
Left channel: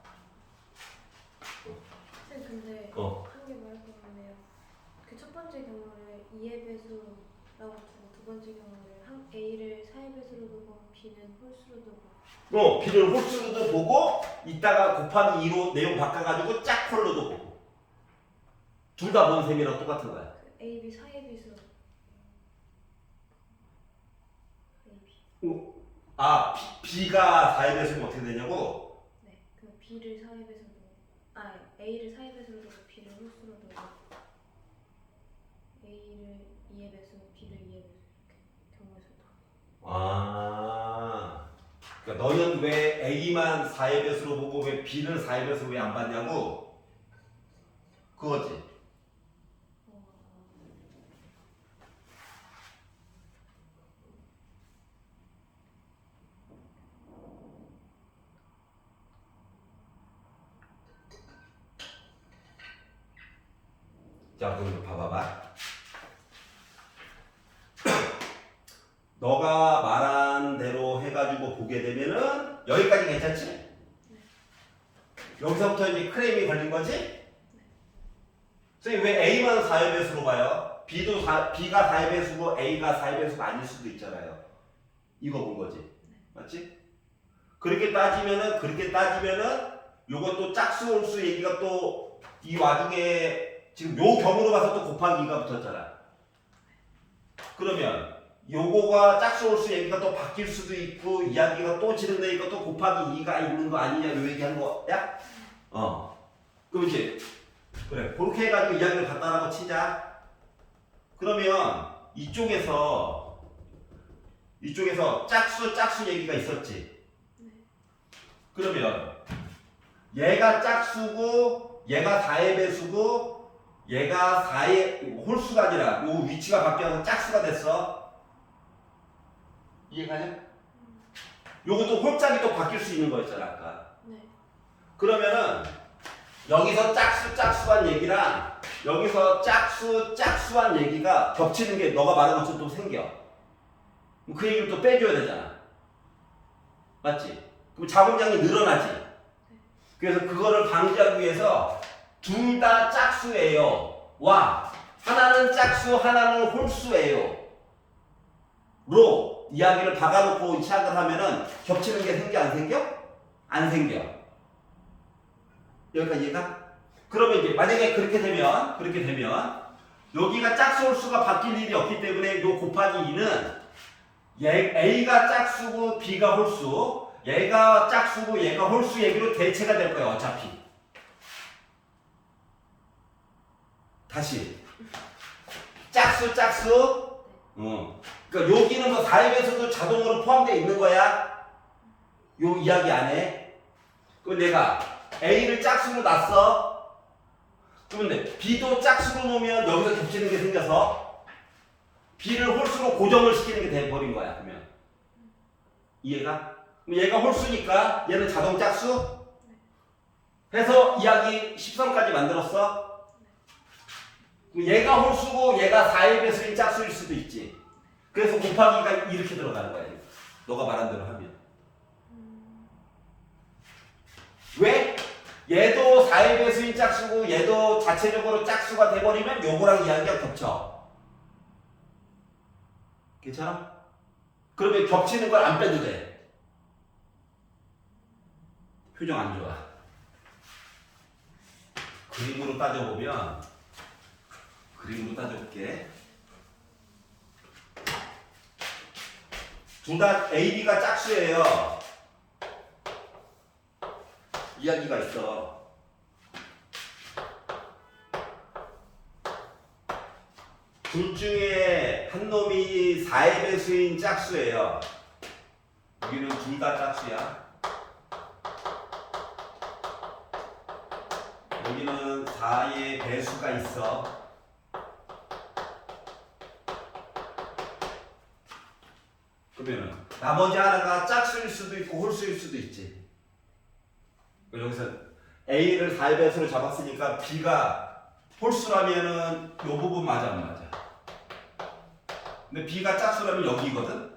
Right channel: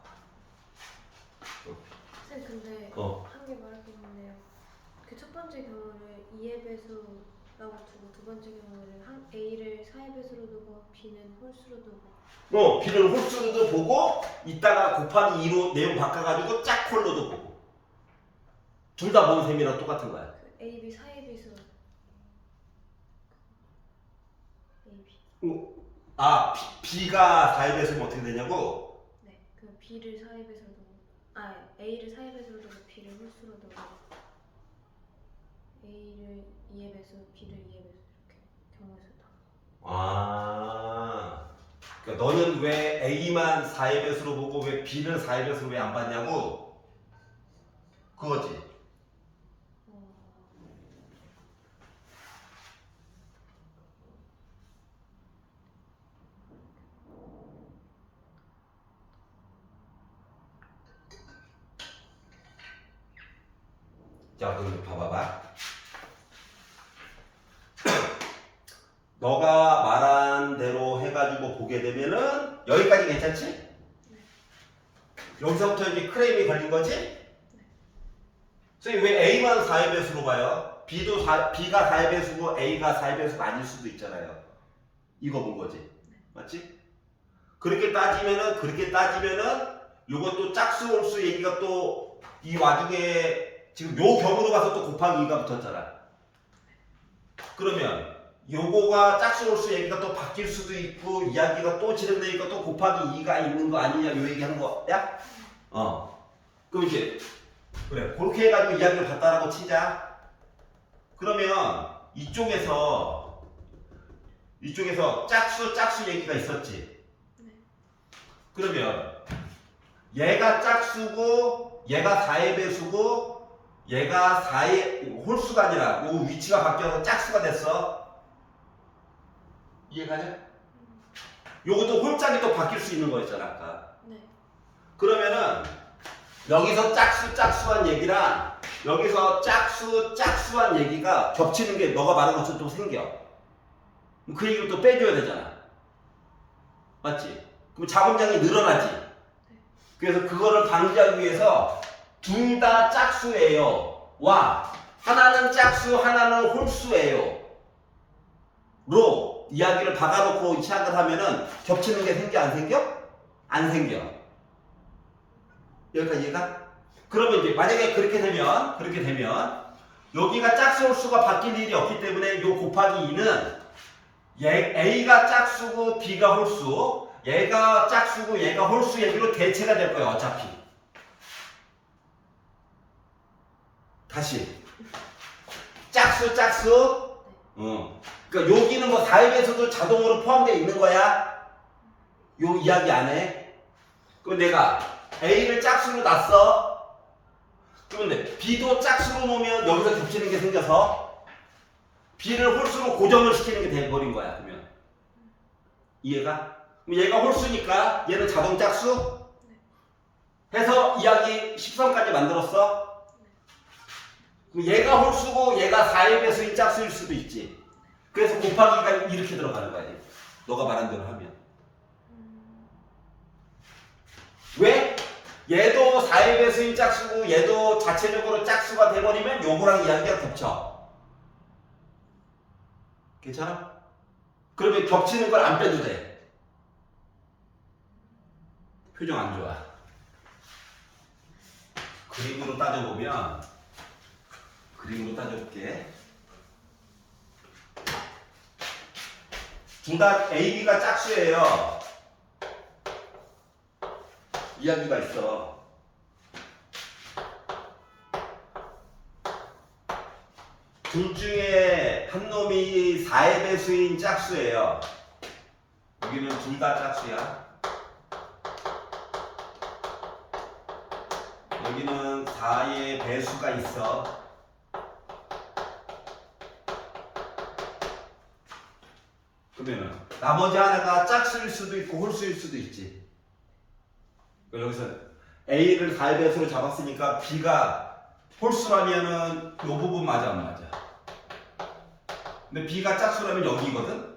쌤 근데 한 개 말할 게 있는데 그 첫 번째 경우를 2의 배수라고 두고 두 번째 경우를 A를 4의 배수로 두고 B는 홀수로 두고 B를 홀수로도 보고 이따가 곱하기 2로 내용 바꿔가지고 짝홀로도 보고 둘 다 본 셈이랑 똑같은 거야. 그 A, B 4의 배수 A, B B가 4의 배수면 어떻게 되냐고? 네, 그 B를 4의 배수로 두고 A를 4의 배수로 두고 B를 홀수로 두고 A를 2의 배수, B를 2의 배수 이렇게 경우에서 다 그러니까 너는 왜 A만 4의 배수로 보고 왜 B는 4의 배수 왜 안 봤냐고? 그거지. 자, 그럼 봐봐봐. 너가 말한 대로 해가지고 보게 되면은 여기까지 괜찮지? 여기서부터 이제 크레임이 걸린 거지? 선생님 왜 A만 4의 배수로 봐요? B가 4의 배수고 A가 4의 배수가 아닐 수도 있잖아요. 이거 본 거지? 맞지? 그렇게 따지면은 요것도 짝수 홀수 얘기가 또 이 와중에 지금 요 경우로 봐서 또 곱하기 2가 붙었잖아. 그러면 요거가 짝수 홀수 얘기가 또 바뀔 수도 있고 이야기가 또 진행되니까 또 곱하기 2가 있는 거 아니냐 요 얘기하는 거야? 그럼 이제 그래 그렇게 해가지고 이야기를 갖다라고 치자. 그러면 이쪽에서 짝수 얘기가 있었지. 그러면 얘가 짝수고 얘가 4의 배수고 얘가 4의 홀수가 아니라 요 위치가 바뀌어서 짝수가 됐어. 이해가냐? 요것도 홀짝이 또 바뀔 수 있는 거였잖아 아까. 네. 그러면은 여기서 짝수한 얘기랑 여기서 짝수한 얘기가 겹치는 게 너가 말한 것처럼 또 생겨. 그럼 그 얘기를 또 빼줘야 되잖아. 맞지? 그럼 자본량이 늘어나지. 그래서 그거를 방지하기 위해서 둘 다 짝수예요. 와, 하나는 짝수, 하나는 홀수예요. 로 이야기를 박아놓고 시작을 하면은 겹치는 게 생겨 안 생겨? 안 생겨. 여기까지 이해가? 그러면 이제 만약에 그렇게 되면 여기가 짝수 홀수가 바뀔 일이 없기 때문에 요 곱하기 2는 A가 짝수고 B가 홀수, 얘가 짝수고 얘가 홀수 얘기로 대체가 될 거예요. 어차피. 다시 짝수. 그러니까 여기는 뭐 4입에서도 자동으로 포함되어 있는 거야. 요 이야기 안에. 그럼 내가 A를 짝수로 놨어. 그런데 B도 짝수로 놓으면 여기서 겹치는 게 생겨서 B를 홀수로 고정을 시키는 게 돼버린 거야. 그러면 이해가? 그럼 얘가 홀수니까 얘는 자동 짝수 해서 이야기 10선까지 만들었어. 그럼 얘가 홀수고 얘가 4의 배수인 짝수일 수도 있지. 그래서 곱하기가 이렇게 들어가는 거야. 너가 말한 대로 하면. 왜? 얘도 4의 배수인 짝수고 얘도 자체적으로 짝수가 돼버리면 요거랑 이야기가 겹쳐. 괜찮아? 그러면 겹치는 걸 안 빼도 돼. 표정 안 좋아. 그림으로 따져볼게. 둘 다 A, B가 짝수예요. 이야기가 있어. 둘 중에 한 놈이 4의 배수인 짝수예요. 여기는 둘 다 짝수야. 여기는 4의 배수가 있어. 그러면 나머지 하나가 짝수일 수도 있고 홀수일 수도 있지. 여기서 A를 4의 배수로 잡았으니까 B가 홀수라면은 이 부분 맞아 안 맞아? 근데 B가 짝수라면 여기거든?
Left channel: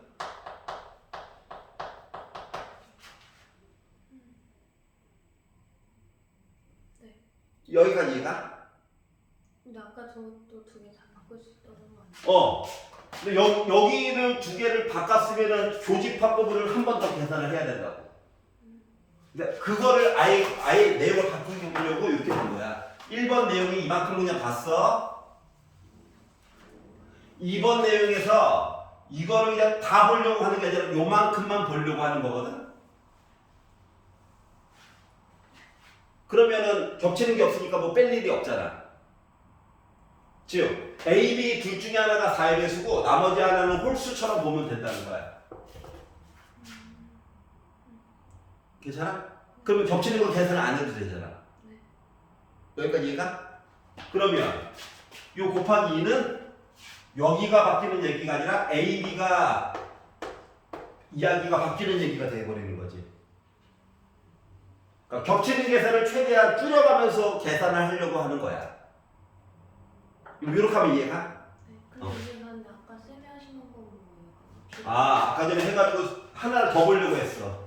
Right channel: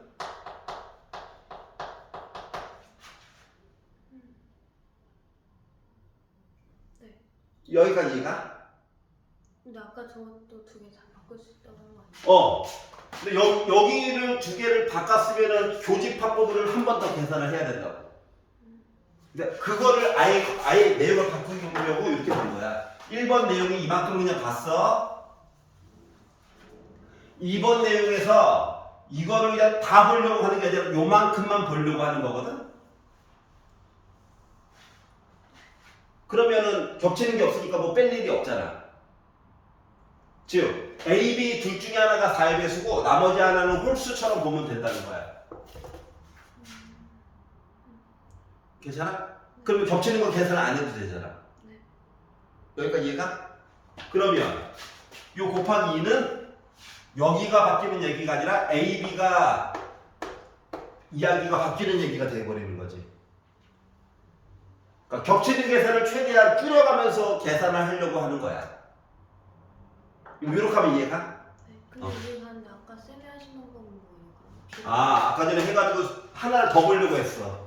네. 여기까지 이해가? 근데 아까 저것도 두 개 다 바꿀 수 있다고 한 거 아니에요? 근데 여기를 두 개를 바꿨으면은 교집합법을 한 번 더 계산을 해야 된다고. 근데 그거를 아예 내용을 바꾸려고 이렇게 본 거야. 1번 내용이 이만큼 그냥 봤어. 2번 내용에서 이거를 그냥 다 보려고 하는 게 아니라 요만큼만 보려고 하는 거거든. 그러면은 겹치는 게 없으니까 뭐 뺄 일이 없잖아. 즉 A, B 둘 중에 하나가 4의 배수고 나머지 하나는 홀수처럼 보면 된다는 거야. 괜찮아? 그러면 겹치는 거 계산 안 해도 되잖아. 네. 여기까지 이해가? 그러면 요 곱하기 2는 여기가 바뀌는 얘기가 아니라 A, B가 이야기가 바뀌는 얘기가 돼버리는 거지. 그러니까 겹치는 계산을 최대한 줄여가면서 계산을 하려고 하는 거야. 이렇게 하면 이해가? 네. 근데 이게 하는데 아까 세게 하시는 건 뭐예요? 아, 아까 전에 해가지고 하나를 더 보려고 했어.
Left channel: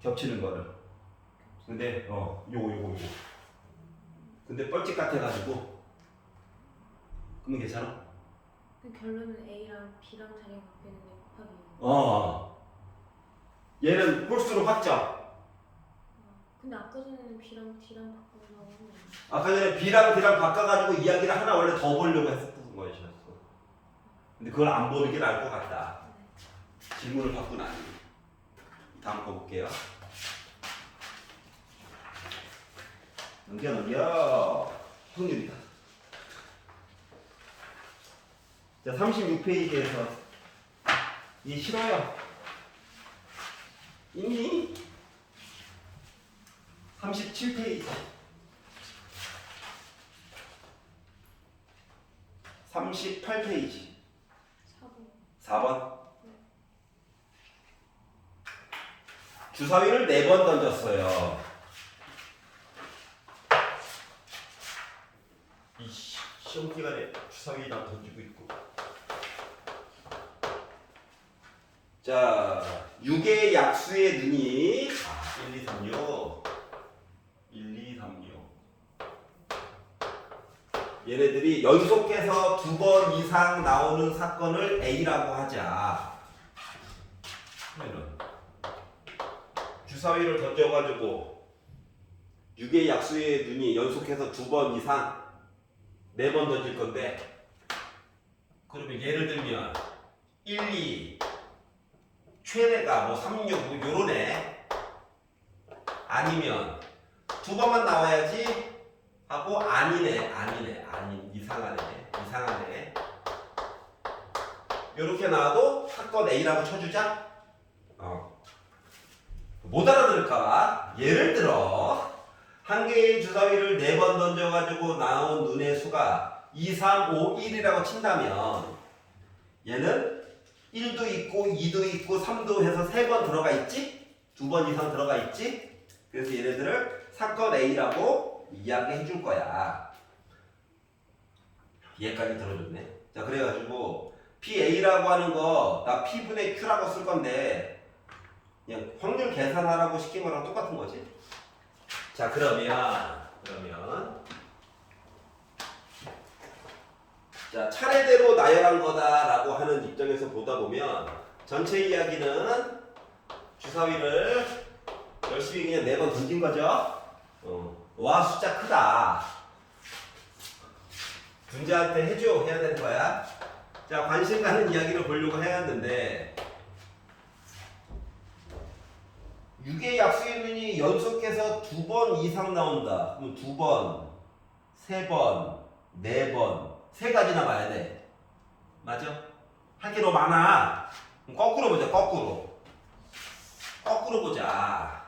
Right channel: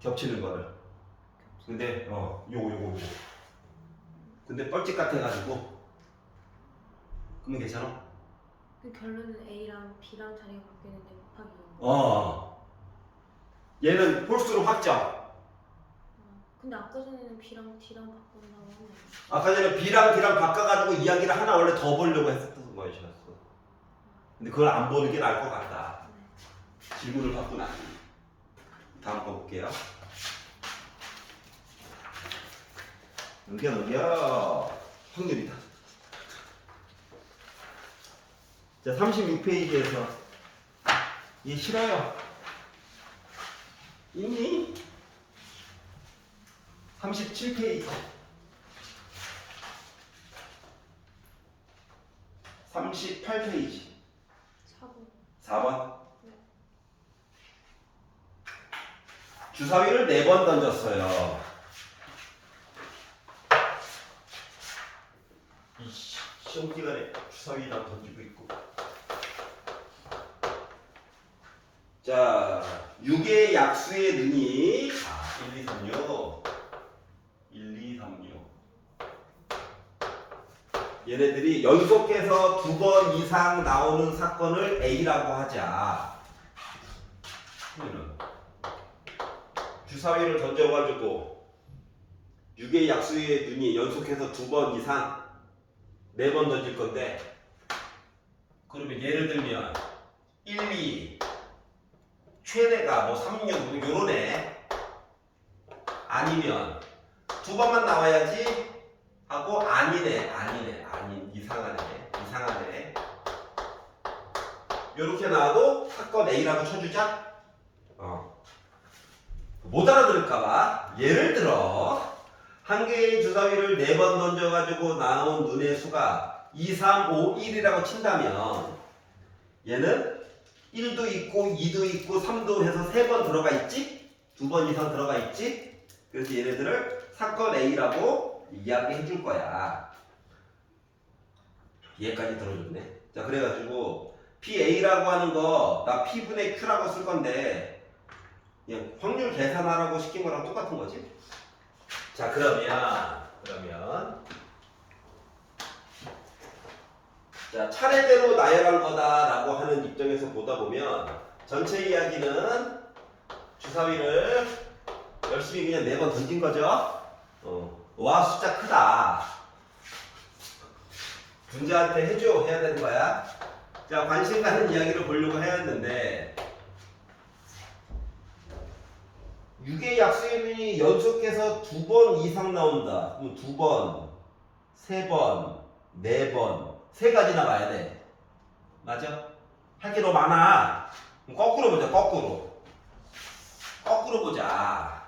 겹치는 거를. 근데 요거. 근데 뻘짓 같아가지고. 그러면 괜찮아? 그 결론은 A랑 B랑 자리가 바뀌는데 곱하기 0. 얘는 홀수로 확정. 근데 아까 전에는 B랑 D랑 바꾼다고 하면 안 돼. 아까 전에 B랑 D랑 바꿔가지고 이야기를 하나 원래 더 보려고 했었던 거였어. 근데 그걸 안 보는 게 나을 것 같다. 질문을 받고 나니. 다음 거 볼게요. 넘겨. 확률이다. 자, 36페이지에서 이 싫어요. 있니? 37페이지. 38페이지. 4번. 4번. 네. 주사위를 4번 던졌어요. 이 시험 기간에 주사위랑 던지고 있고. 자, 6의 약수의 눈이 1, 2, 3, 6 1, 2, 3, 6 얘네들이 연속해서 2번 이상 나오는 사건을 A라고 하자. 그러면 주사위를 던져가지고 6의 약수의 눈이 연속해서 2번 이상 4번 던질 건데, 그러면 예를 들면 1, 2 최대가 뭐 3, 6 요런 애 아니면 2번만 나와야지 하고 아닌 이상한 애 요렇게 나와도 사건 A라고 쳐주자. 못 알아들을까봐 예를 들어 한 개의 주사위를 4번 던져가지고 나온 눈의 수가 2, 3, 5, 1이라고 친다면 얘는 1도 있고 2도 있고 3도 해서 3번 들어가 있지? 2번 이상 들어가 있지? 그래서 얘네들을 사건 A라고 이야기해 줄 거야. 얘까지 들어줬네. 자, 그래가지고 PA라고 하는 거 나 P분의 Q라고 쓸 건데 그냥 확률 계산하라고 시킨 거랑 똑같은 거지. 자, 그러면 자, 차례대로 나열한 거다라고 하는 입장에서 보다 보면 전체 이야기는 주사위를 열심히 그냥 4번 던진 거죠. 와, 숫자 크다. 분자한테 해야 되는 거야. 자, 관심 가는 이야기를 보려고 해야 했는데 6의 약수의 연속해서 2번 이상 나온다. 그럼 2번, 3번, 4번 3가지나 봐야 돼. 맞아? 할 게 너무 많아. 그럼 거꾸로 보자. 거꾸로 보자.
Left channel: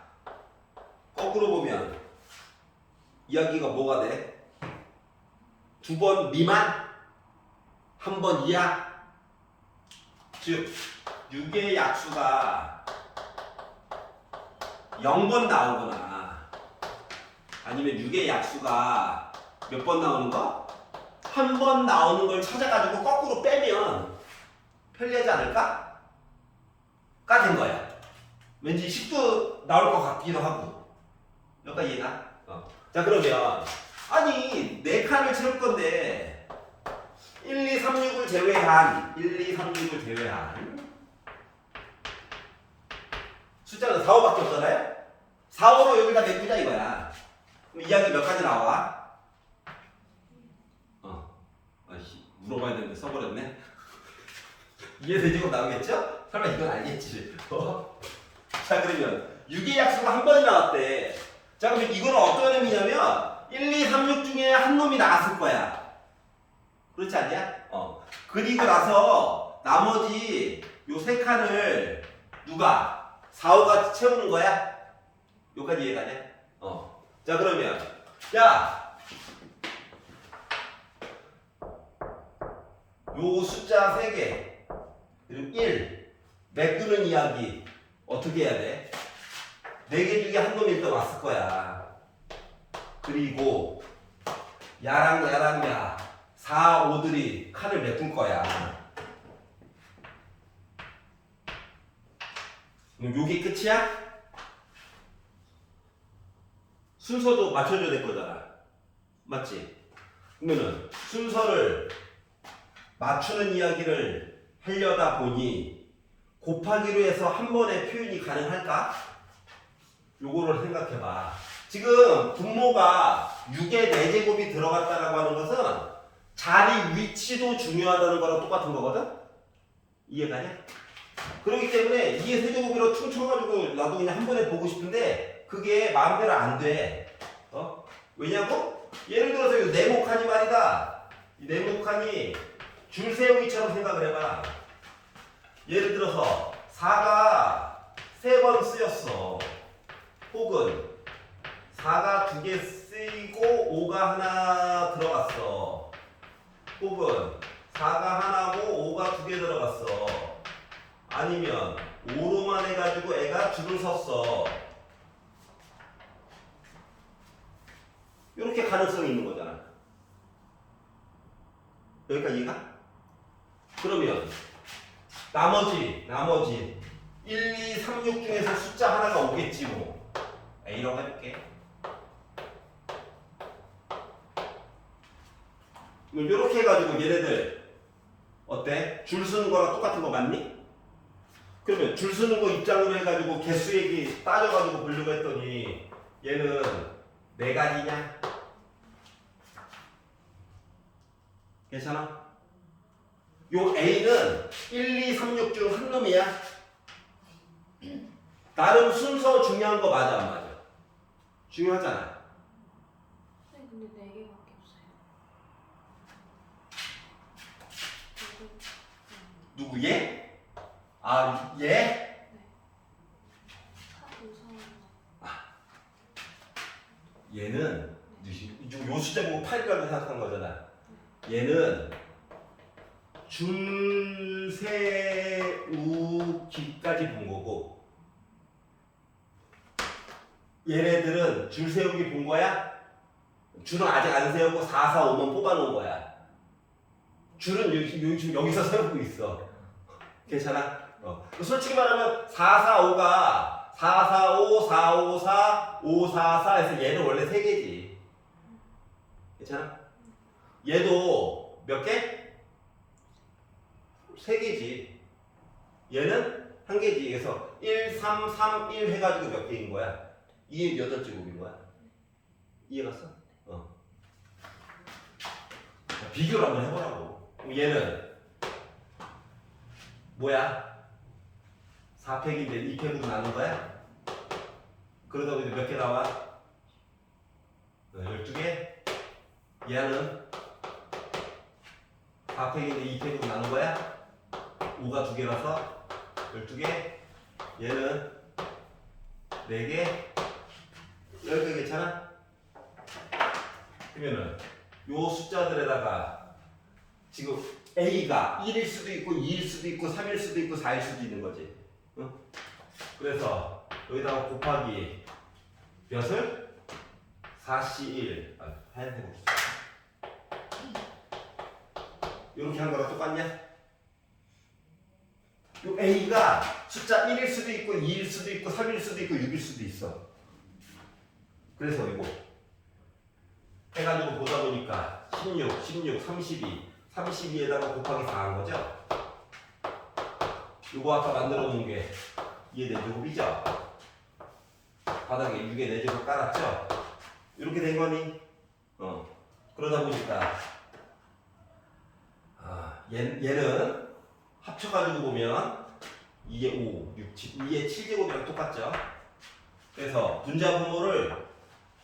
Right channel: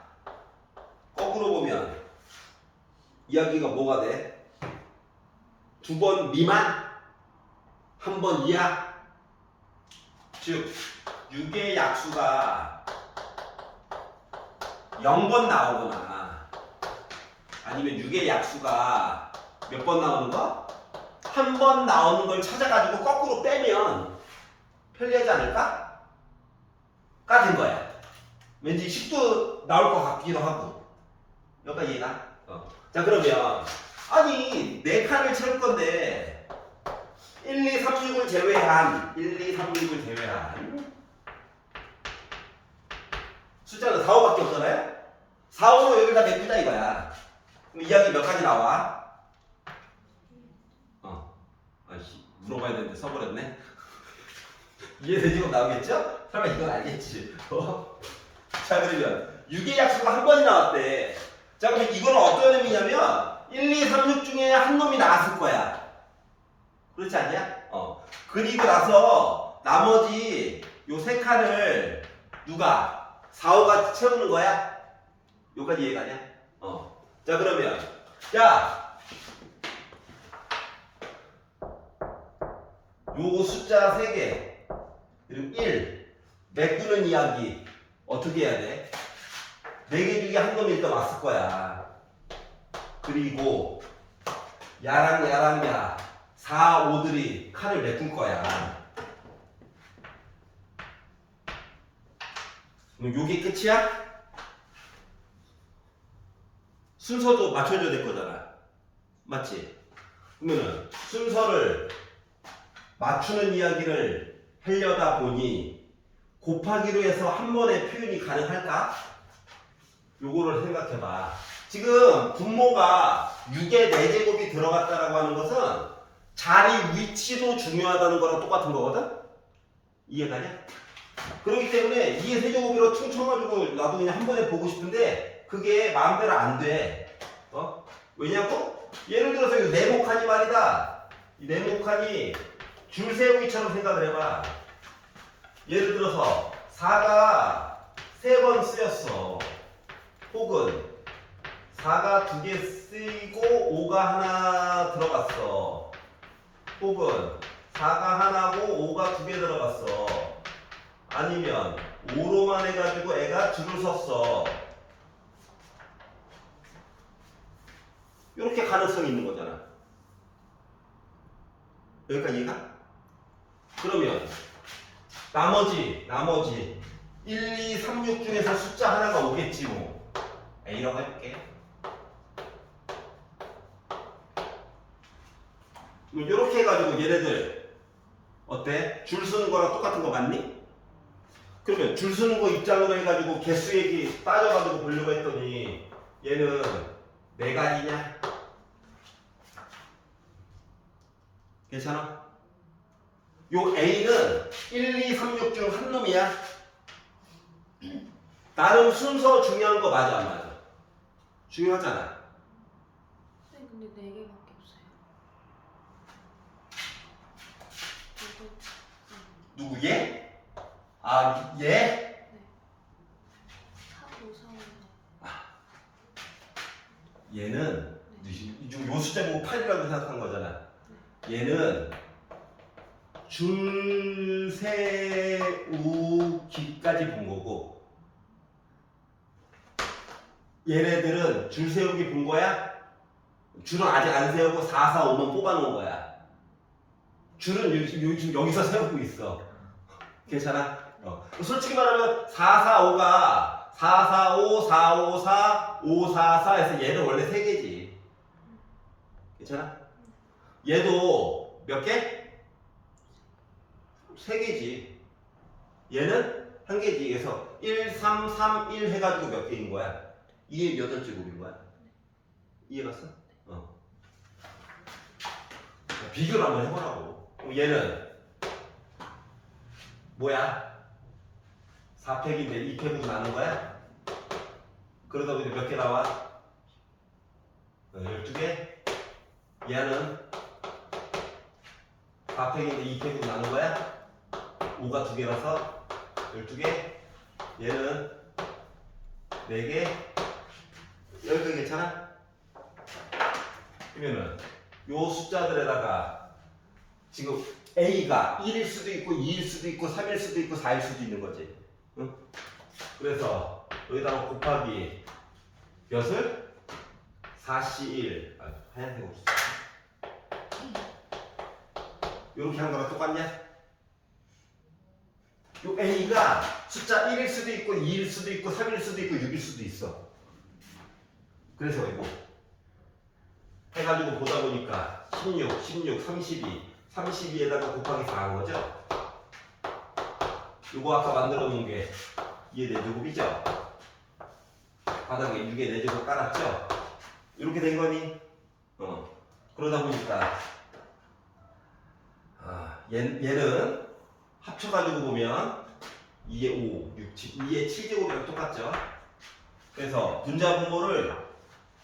거꾸로 보면 이야기가 뭐가 돼? 2번 미만? 1번 이하? 즉 6의 약수가 0번 나오거나 아니면 6의 약수가 몇 번 나오는 거? 한 번 나오는 걸 찾아가지고 거꾸로 빼면 편리하지 않을까? 까진 거야. 왠지 10도 나올 것 같기도 하고. 여기까 이해가? 자, 그러면 아니 4칸을 채울 건데 1, 2, 3, 6을 제외한 숫자는 4, 5밖에 없잖아요? 4, 5로 여기다 메꾸자 이거야. 그럼 이야기 몇 가지 나와? 아이씨, 물어봐야 되는데 써버렸네. 이해되지고 나오겠죠? 설마 이건 알겠지? 자, 그러면 6의 약수가 한 번이 나왔대. 자, 그러면 이거는 어떤 의미냐면 1, 2, 3, 6 중에 한 놈이 나왔을 거야. 그렇지 않냐? 그리고 나서 나머지 요 3칸을 누가 4, 5가 채우는 거야? 여기까지 이해가냐? 자, 그러면 야, 요 숫자 3개 그리고 1 메꾸는 이야기 어떻게 해야 돼? 4개 중에 한 놈이 일단 왔을 거야. 그리고 야랑 야 4, 5들이 칸을 메꿀 거야. 그럼 요게 끝이야? 순서도 맞춰줘야 될 거잖아. 맞지? 그러면은 순서를 맞추는 이야기를 하려다 보니 곱하기로 해서 한 번에 표현이 가능할까? 요거를 생각해봐. 지금 분모가 6의 4제곱이 들어갔다라고 하는 것은 자리 위치도 중요하다는 거랑 똑같은 거거든? 이해가냐? 그렇기 때문에 2의 세제곱으로 퉁 쳐가지고 나도 그냥 한 번에 보고 싶은데 그게 마음대로 안 돼. 왜냐고? 예를 들어서 이 네모칸이 말이다. 이 네모칸이 줄세우기처럼 생각을 해봐. 예를 들어서 4가 3번 쓰였어. 혹은 4가 2개 쓰이고 5가 하나 들어갔어. 혹은 4가 하나고 5가 2개 들어갔어. 아니면 5로만 해가지고 애가 줄을 섰어. 이렇게 가능성이 있는 거잖아. 여기까지 이해가? 그러면 나머지 1, 2, 3, 6 중에서 숫자 하나가 오겠지 뭐. A라고 해볼게. 이렇게 해가지고 얘네들 어때? 줄 서는 거랑 똑같은 거 맞니? 그러면 줄 서는 거 입장으로 해가지고 개수 얘기 따져가지고 보려고 했더니 얘는 4가지냐? 괜찮아? 요 A는 1, 2, 3, 6 중 한 놈이야. 나름 순서 중요한 거 맞아 안 맞아? 중요하잖아. 근데 4개밖에 없어요. 누구 얘? 아 얘? 네. 4, 5, 4, 5. 얘는 요 숫자 보고 8이라고 생각한 거잖아. 얘는 줄 세우기까지 본 거고 얘네들은 줄 세우기 본 거야? 줄은 아직 안 세우고 4, 4, 5만 뽑아놓은 거야. 줄은 여기서 세우고 있어. 괜찮아? 솔직히 말하면 4, 4, 5가 4, 4, 5, 4, 5, 4, 5, 4, 4 해서 얘는 원래 3개지. 괜찮아? 얘도 몇 개? 3개지. 얘는 1개지. 그래서 1, 3, 3, 1 해가지고 몇 개인 거야? 2의 8제곱인 거야. 이해갔어? 자, 비교를 한번 해보라고. 얘는 뭐야? 4팩인데 2팩으로 나눈 거야? 그러다 보니 몇 개 나와? 12개? 얘는 4팩인데 2팩으로 나눈 거야? 5가 2개라서 12개? 얘는 4개? 여기까지 괜찮아? 그러면은 요 숫자들에다가 지금 A가 1일 수도 있고 2일 수도 있고 3일 수도 있고 4일 수도 있는 거지. 응? 그래서 여기다가 곱하기 몇을? 4C1 하얀색 없어. 이렇게 한 거랑 똑같냐? 요 A가 숫자 1일 수도 있고 2일 수도 있고 3일 수도 있고 6일 수도 있어. 그래서 이거 해가지고 보다 보니까 16, 16, 32, 32에다가 곱하기 4 한 거죠? 요거 아까 만들어 놓은 게 2의 4제곱이죠? 바닥에 6의 4제곱 깔았죠? 이렇게 된 거니? 그러다 보니까 얘는 합쳐가지고 보면 2의 5, 6, 7, 2의 7제곱이랑 똑같죠? 그래서 분자 분모를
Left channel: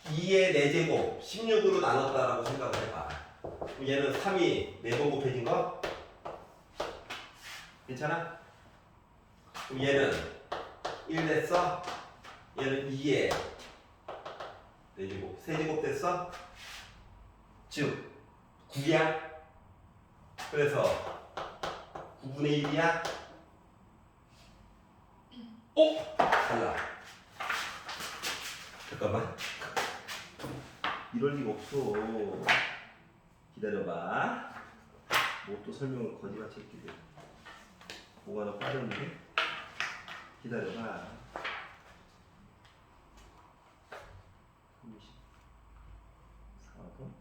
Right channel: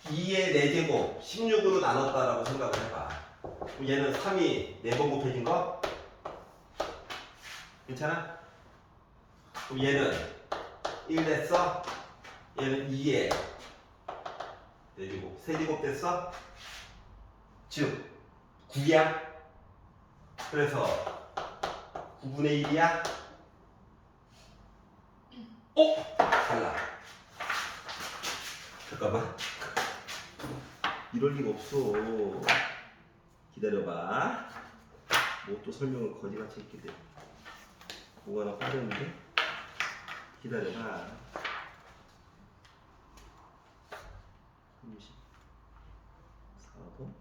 2의 4제곱 16으로 나눴다라고 생각을 해봐. 그럼 얘는 3이 4번 곱해진 거? 괜찮아? 그럼 얘는 1 됐어? 얘는 2의 4제곱 3제곱 됐어? 즉 9야? 그래서 9분의 1이야? 달라. 잠깐만. 이럴 리가 없어. 기다려봐. 뭐 또 설명을 거지같이 했기들. 뭐가 하나 빠졌는데? 기다려봐. 34번.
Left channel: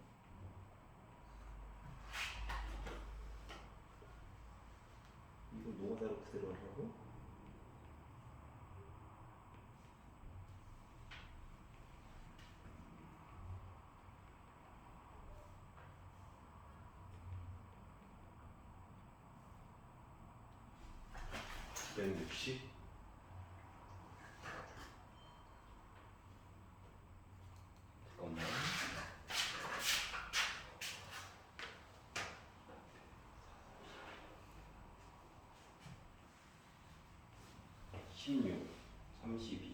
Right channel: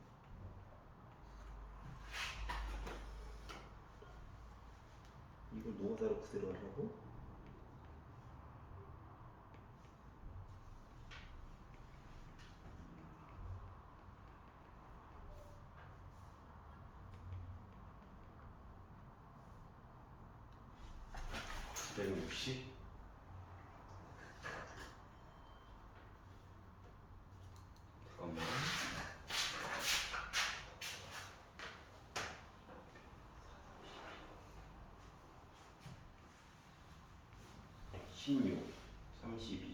이걸 노가다로 그대로 하려고? (160) 잠깐만. 16, 32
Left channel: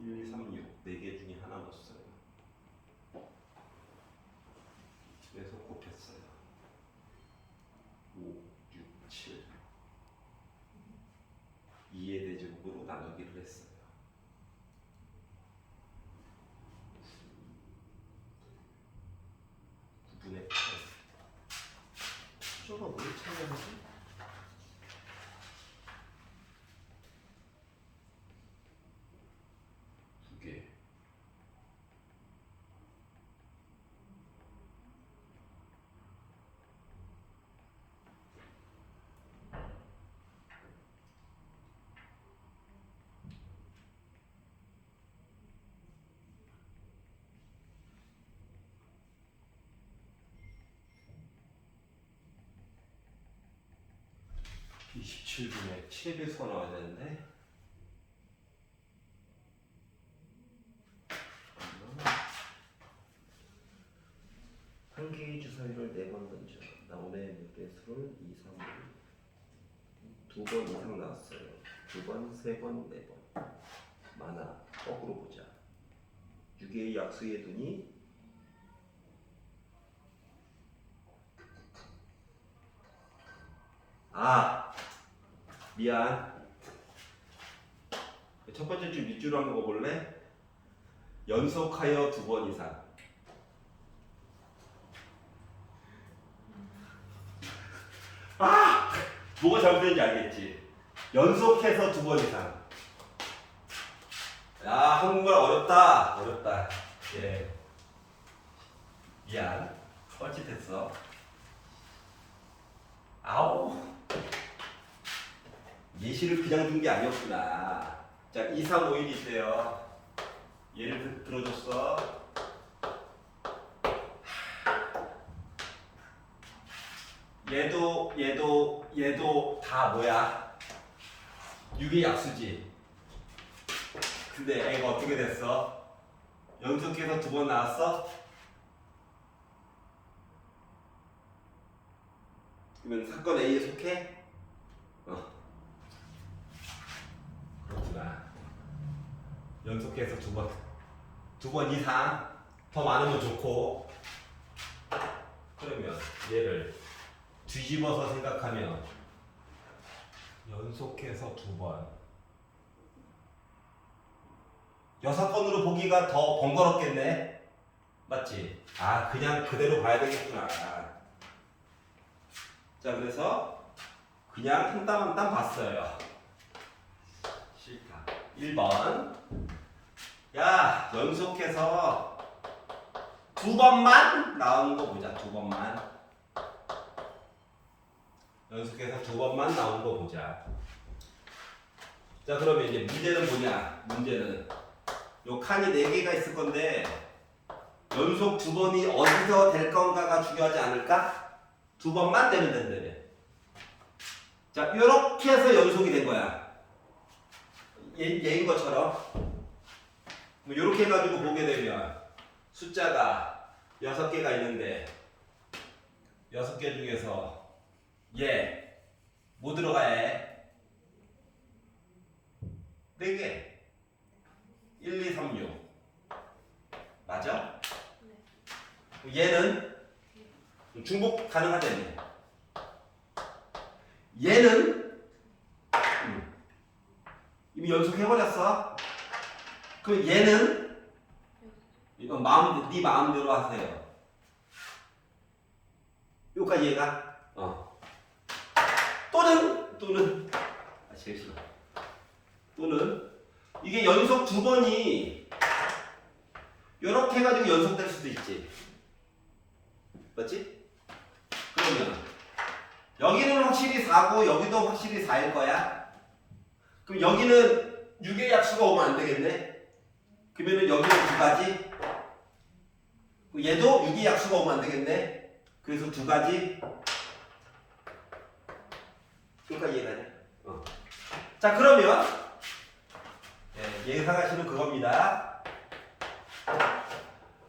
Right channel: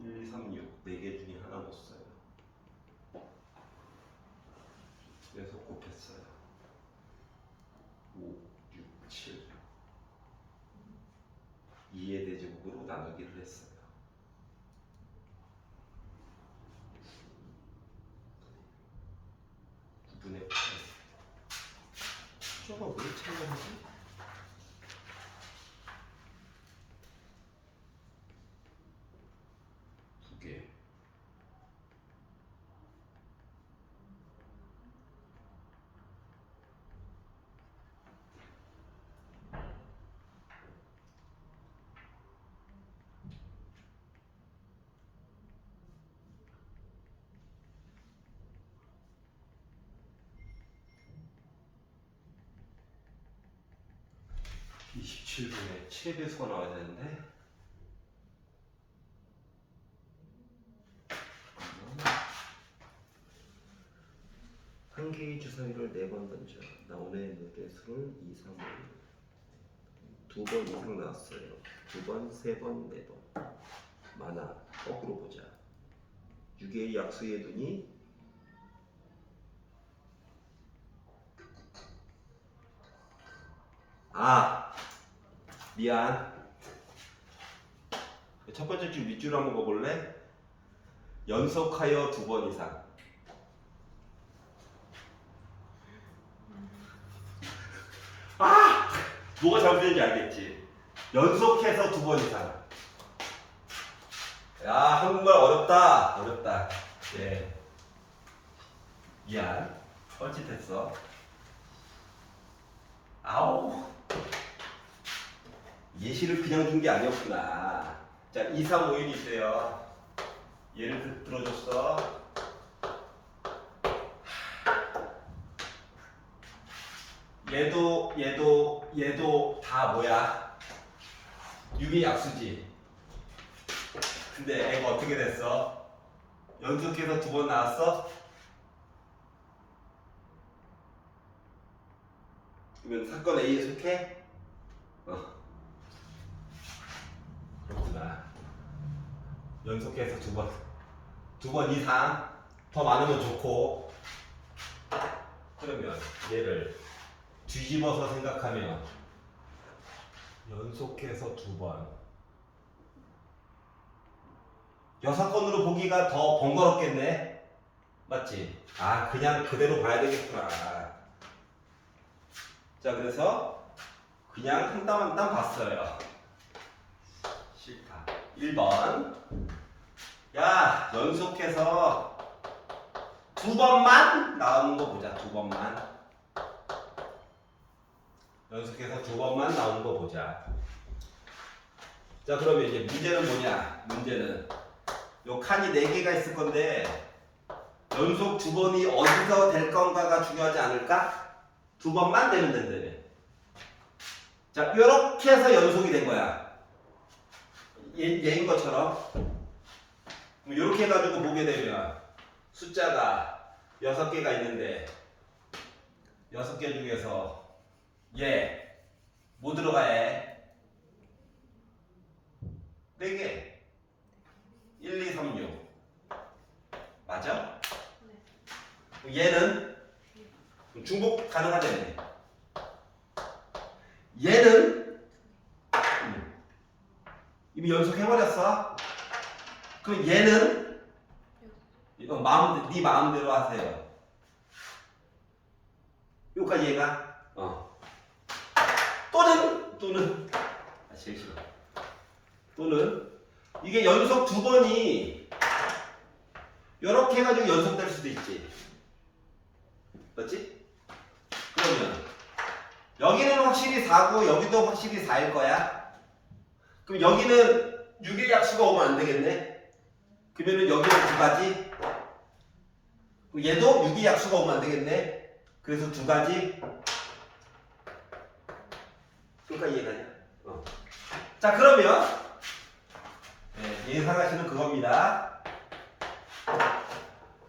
1, 2, 3, 6 4개 중에 하나 못 써요. 4제곱으로 나누기를 했어요. 구분의 저거 왜 참여하지? 두 개. 이 27분에 7의 배수가 나와야 되는데 한 개의 주사위를 4번 던져 나오는 무대수를 2, 3, 5 2번 이상 나왔어요. 2번, 3번, 4번 많아. 거꾸로 보자. 6개의 약수에 두니 미안. 첫 번째 줄 밑줄 한번 봐볼래? 연속하여 2번 이상. 뭐가 잘못된지 알겠지? 연속해서 2번 이상. 야, 한국말 어렵다. 어렵다. 예. 미안. 뻘짓했어. 아우. 예시를 그냥 준 게 아니었구나. 자, 2, 3, 5, 1이 있어요. 예를 들어줬어. 얘도 다 뭐야? 6의 약수지. 근데 애가 어떻게 됐어? 연속해서 2번 나왔어? 이건 사건 A에 속해? 그렇구나. 연속해서 2번 이상 더 많으면 좋고. 그러면 얘를 뒤집어서 생각하면 연속해서 2번 6건으로 보기가 더 번거롭겠네. 맞지? 그냥 그대로 봐야 되겠구나. 자, 그래서 그냥 한 땀 한 땀 봤어요. 싫다. 1번. 야, 연속해서 2번만 나오는 거 보자. 2번만. 연속해서 2번만 나오는 거 보자. 자, 그러면 이제 문제는 뭐냐? 문제는 요 칸이 4개가 있을 건데 연속 2번이 어디서 될 건가가 중요하지 않을까? 2번만 되면 된다며. 자, 요렇게 해서 연속이 된 거야. 얘인 것처럼. 뭐 요렇게 해가지고 보게 되면 숫자가 6개가 있는데 6개 중에서 얘 뭐 들어가 해? 4개. 1, 2, 3, 6. 맞아? 얘는 중복 가능하다네. 얘는 이미 연속해버렸어. 그럼 얘는 이거 네 마음대로 하세요. 여기까지 얘가 또는 제일 싫어. 또는 이게 연속 2번이 이렇게 해가지고 연속될 수도 있지. 맞지? 그러면 여기는 확실히 4고 여기도 확실히 4일 거야. 그럼 여기는 6의 약수가 오면 안 되겠네. 그러면은 여기는 2가지. 얘도 6의 약수가 오면 안 되겠네. 그래서 2가지. 여기까지 이해가냐? 자, 그러면 예상하시는 그겁니다.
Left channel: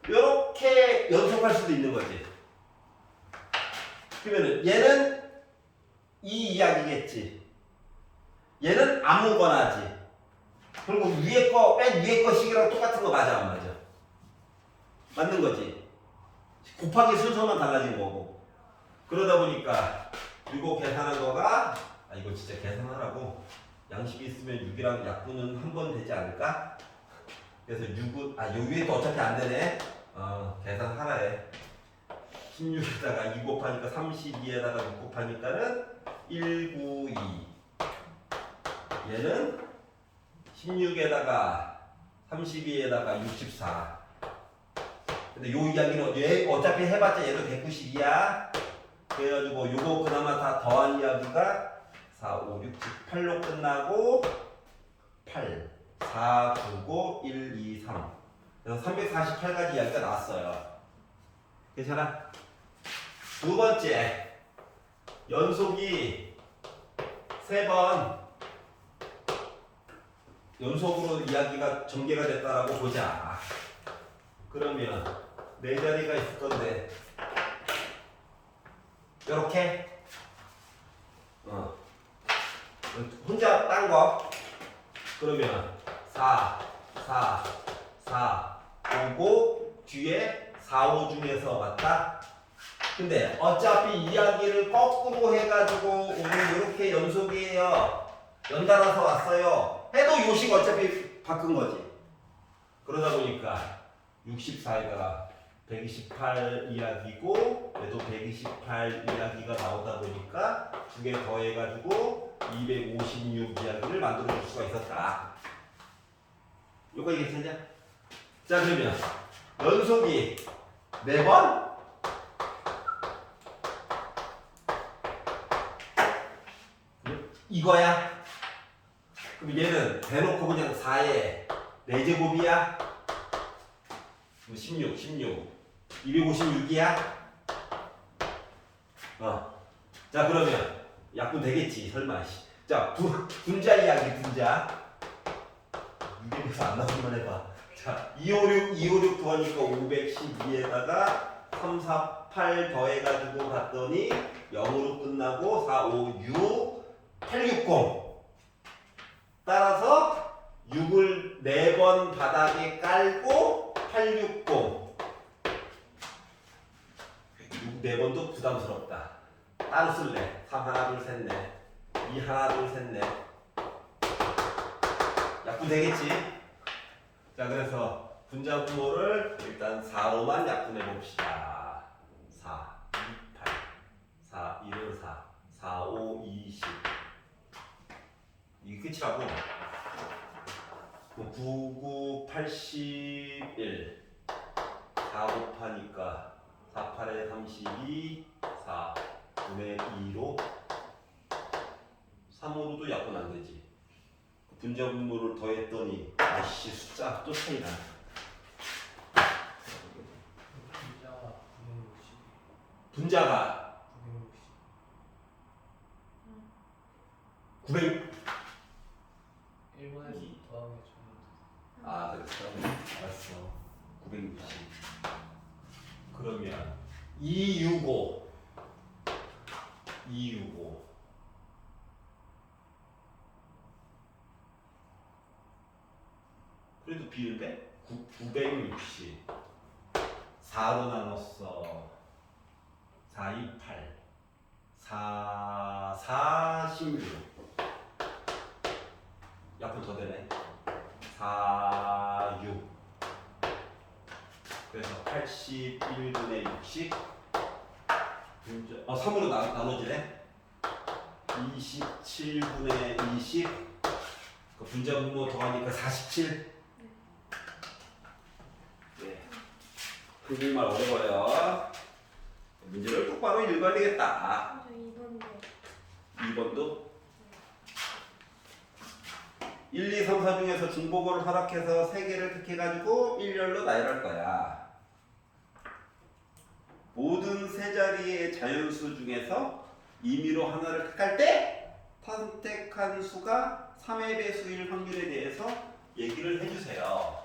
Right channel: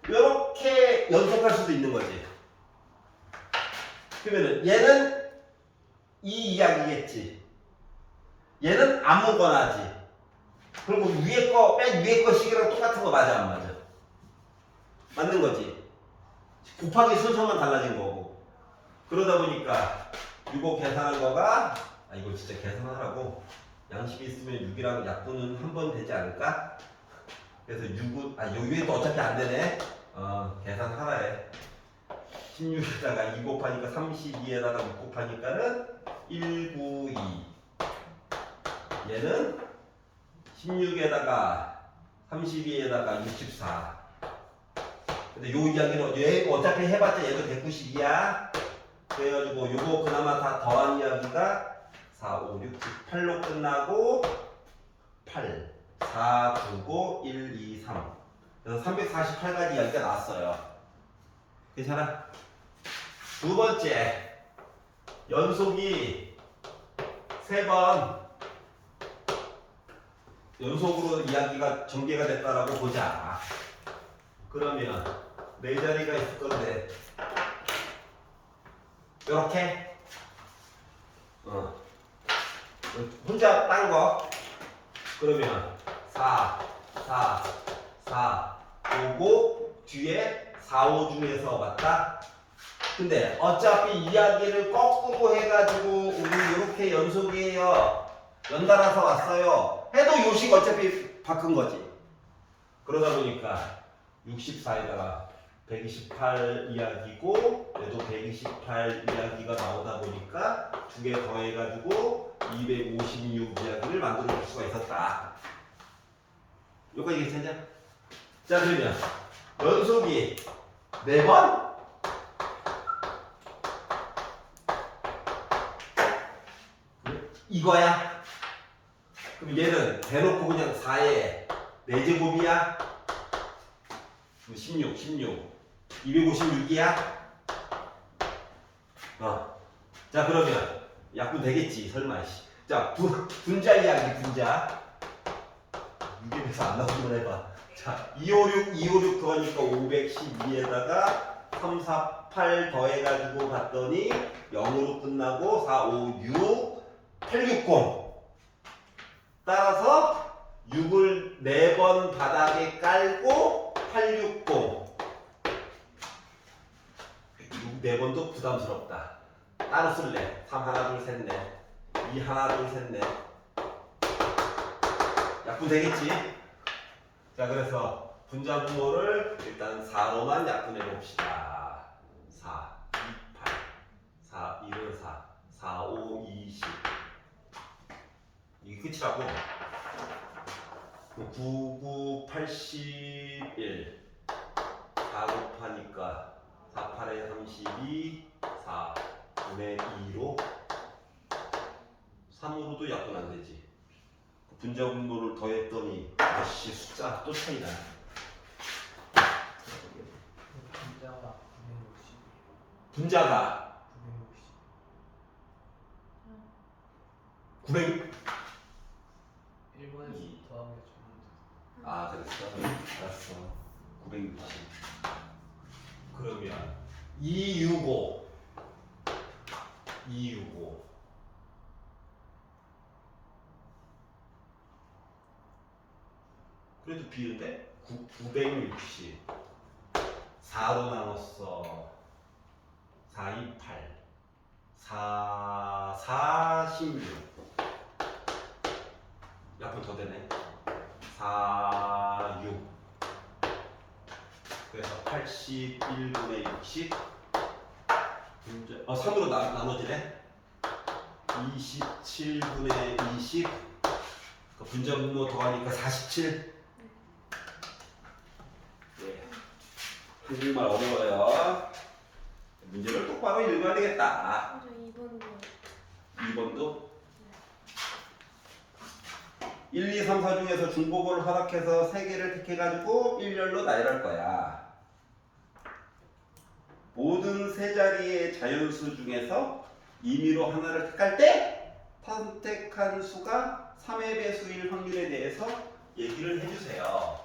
이렇게 연속할 수도 있는 거지. 그러면은 얘는 이 이야기겠지. 얘는 아무거나지. 그리고 위에 거, 맨 위에 거 식이랑 똑같은 거 맞아, 안 맞아? 맞는 거지. 곱하기 순서만 달라진 거고. 그러다 보니까 이거 계산한 거가 이거 진짜 계산하라고 양식이 있으면 6이랑 약분은 한 번 되지 않을까? 그래서 6은 여기에도 어차피 안 되네. 계산하라 해. 16에다가 2 곱하니까 32에다가 6 곱하니까는 192. 얘는 16에다가 32에다가 64. 근데 요 이야기는 얘 어차피 해봤자 얘도 192야. 그래가지고 요거 그나마 다 더한 이야기가 4, 5, 6, 7, 8로 끝나고 8, 4 주고 1, 2, 3. 그래서 348가지 이야기가 나왔어요. 괜찮아? 두 번째, 연속이 3번 연속으로 이야기가 전개가 됐다라고 보자. 그러면 네 자리가 있을 건데 이렇게 혼자 딴 거 그러면 4, 4, 4 오고 뒤에 4, 5 중에서 맞다? 근데 어차피 이야기를 거꾸로 해가지고 우리 이렇게 연속이에요. 연달아서 왔어요. 해도 요식 어차피 바꾼 거지. 그러다 보니까 64에다가 128 이야기고 얘도 128 이야기가 나오다 보니까 두 개 더해가지고 256 이야기를 만들어 줄 수가 있었다. 요거 이해했냐? 자 그러면 연속이 4번? 이거야? 그럼 얘는 대놓고 그냥 4에 4제곱이야? 16, 256이야? 자 그러면 약분 되겠지 설마. 자 분자 이야기 분자. 6에서 안 나오면 해봐. 자 256 더하니까 512에다가 3, 4, 8 더해가지고 봤더니 0으로 끝나고 4, 5, 6, 860. 따라서 6을 4번 바닥에 깔고 860. 6 4번도 부담스럽다. 따로 쓸래. 3 하나 둘 셋 넷. 2 하나 둘 셋 넷. 약분 되겠지? 자 그래서 분자분모를 일단 4로만 약분해 봅시다. 4, 2, 8. 4, 1은 4. 4, 5, 20. 이게 끝이라고. 9, 9, 81. 4 곱하니까 4, 8에 32. 4, 9에 2로 3으로도 약분 안 되지. 분자분모를 더했더니 아씨 숫자 또 차이나. 분자가 900. 1번에서 더하면 그랬어. 알았어. 960. 그러면 265. 그래도 비운데? 960. 4로 나눴어. 4, 2, 8. 4, 46. 약분 더 되네. 4, 6. 그래서 81분의 60. 3으로 나눠지네. 27분의 20. 분자분모 더하니까 47. 네. 정말 어려워요. 문제를 똑바로 읽어야 되겠다. 저 2번도 2번도 1, 2, 3, 4 중에서 중복을 허락해서 3개를 택해가지고 일렬로 나열할 거야. 모든 세 자리의 자연수 중에서 임의로 하나를 택할 때 선택한 수가 3의 배수일 확률에 대해서 얘기를 해주세요.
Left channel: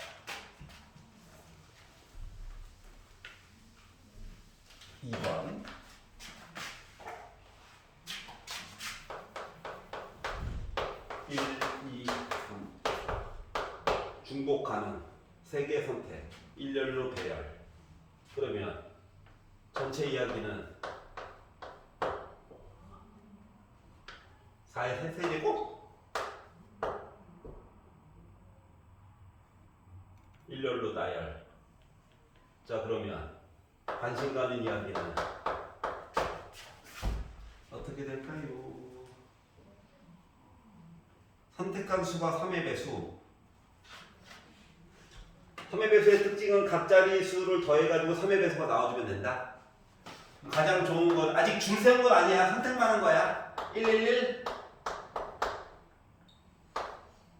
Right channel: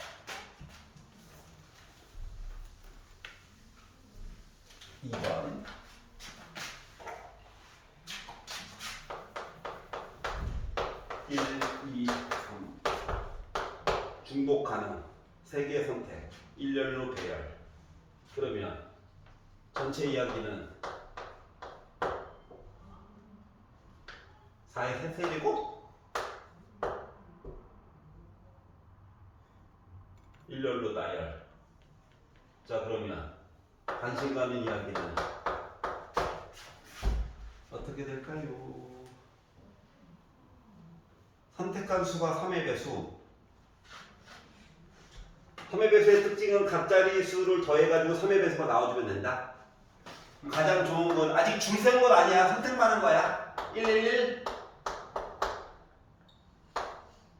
(2번) 1, 2, 3 중복 가능 3개 선택 일렬로 배열. 그러면 전체 이야기는 4의 세제곱 일렬로 나열. 자 그러면 관심 가는 이야기는 어떻게 될까요? 선택한 수가 3의 배수. 3의 배수의 특징은 각자리 수를 더해가지고 3의 배수가 나와주면 된다. 가장 좋은 건 아직 줄 센 건 아니야. 선택만 한 거야. 111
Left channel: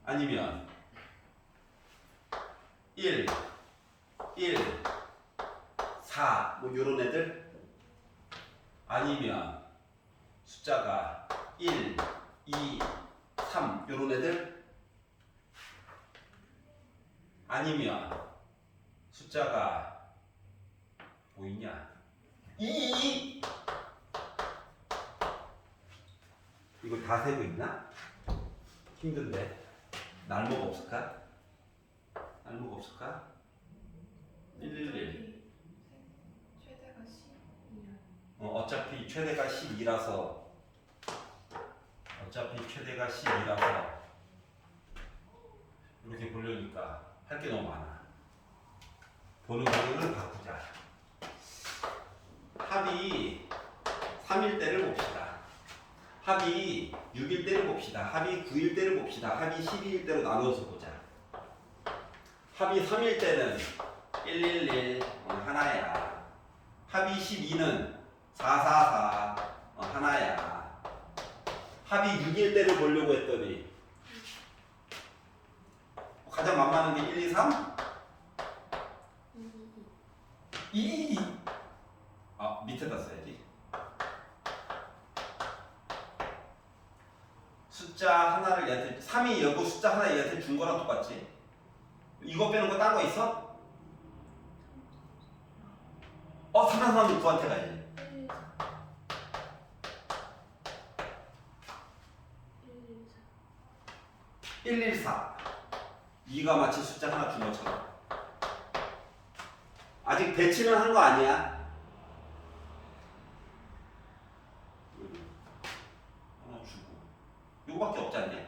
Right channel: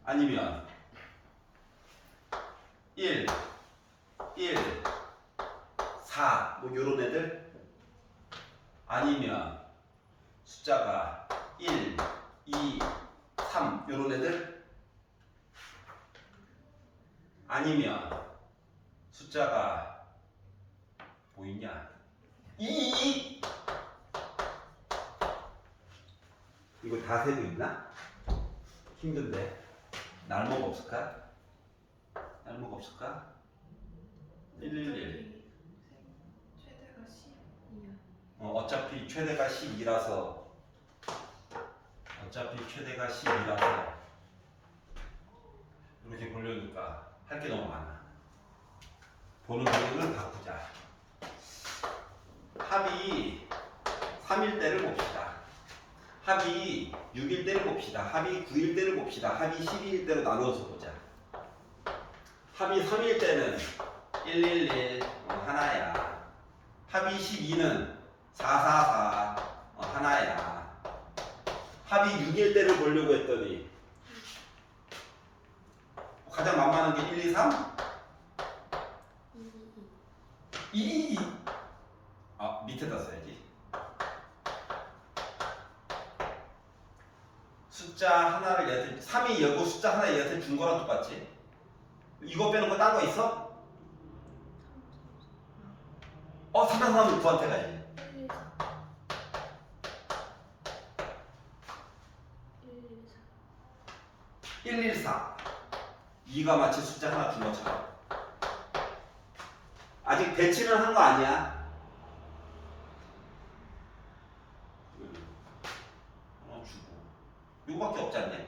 아니면 1 4 뭐 요런 애들 아니면 숫자가 1 2 3 요런 애들 아니면 숫자가 뭐 있냐 2 이걸 다 세고 있나? 힘든데 날모가 없을까? 날모가 없을까? 111 최대가 12야. 어차피 최대가 12라서 이렇게 보려니까 할 게 너무 많아. 보는 방향을 바꾸자. 합이 3일 때를 봅시다. 합이 6일 때를 봅시다. 합이 9일 때를 봅시다. 합이 12일 때로 나누어서 보자. 합이 3일 때는 111 하나야. 합이 12는 444 하나야. 합이 6일 때를 보려고 했더니 가장 만만한 게 1, 2, 3? 2. 아 밑에다 써야지. 숫자 하나를 얘한테 3이 여고 숫자 하나 얘한테 준 거랑 똑같지? 이거 빼는 거 딴 거 있어? 3, 3은 9한테 가지. 114 2가 마치 숫자 하나 준 것처럼 아직 대치는 한 거 아니야. 주고 이거밖에 없지 않냐?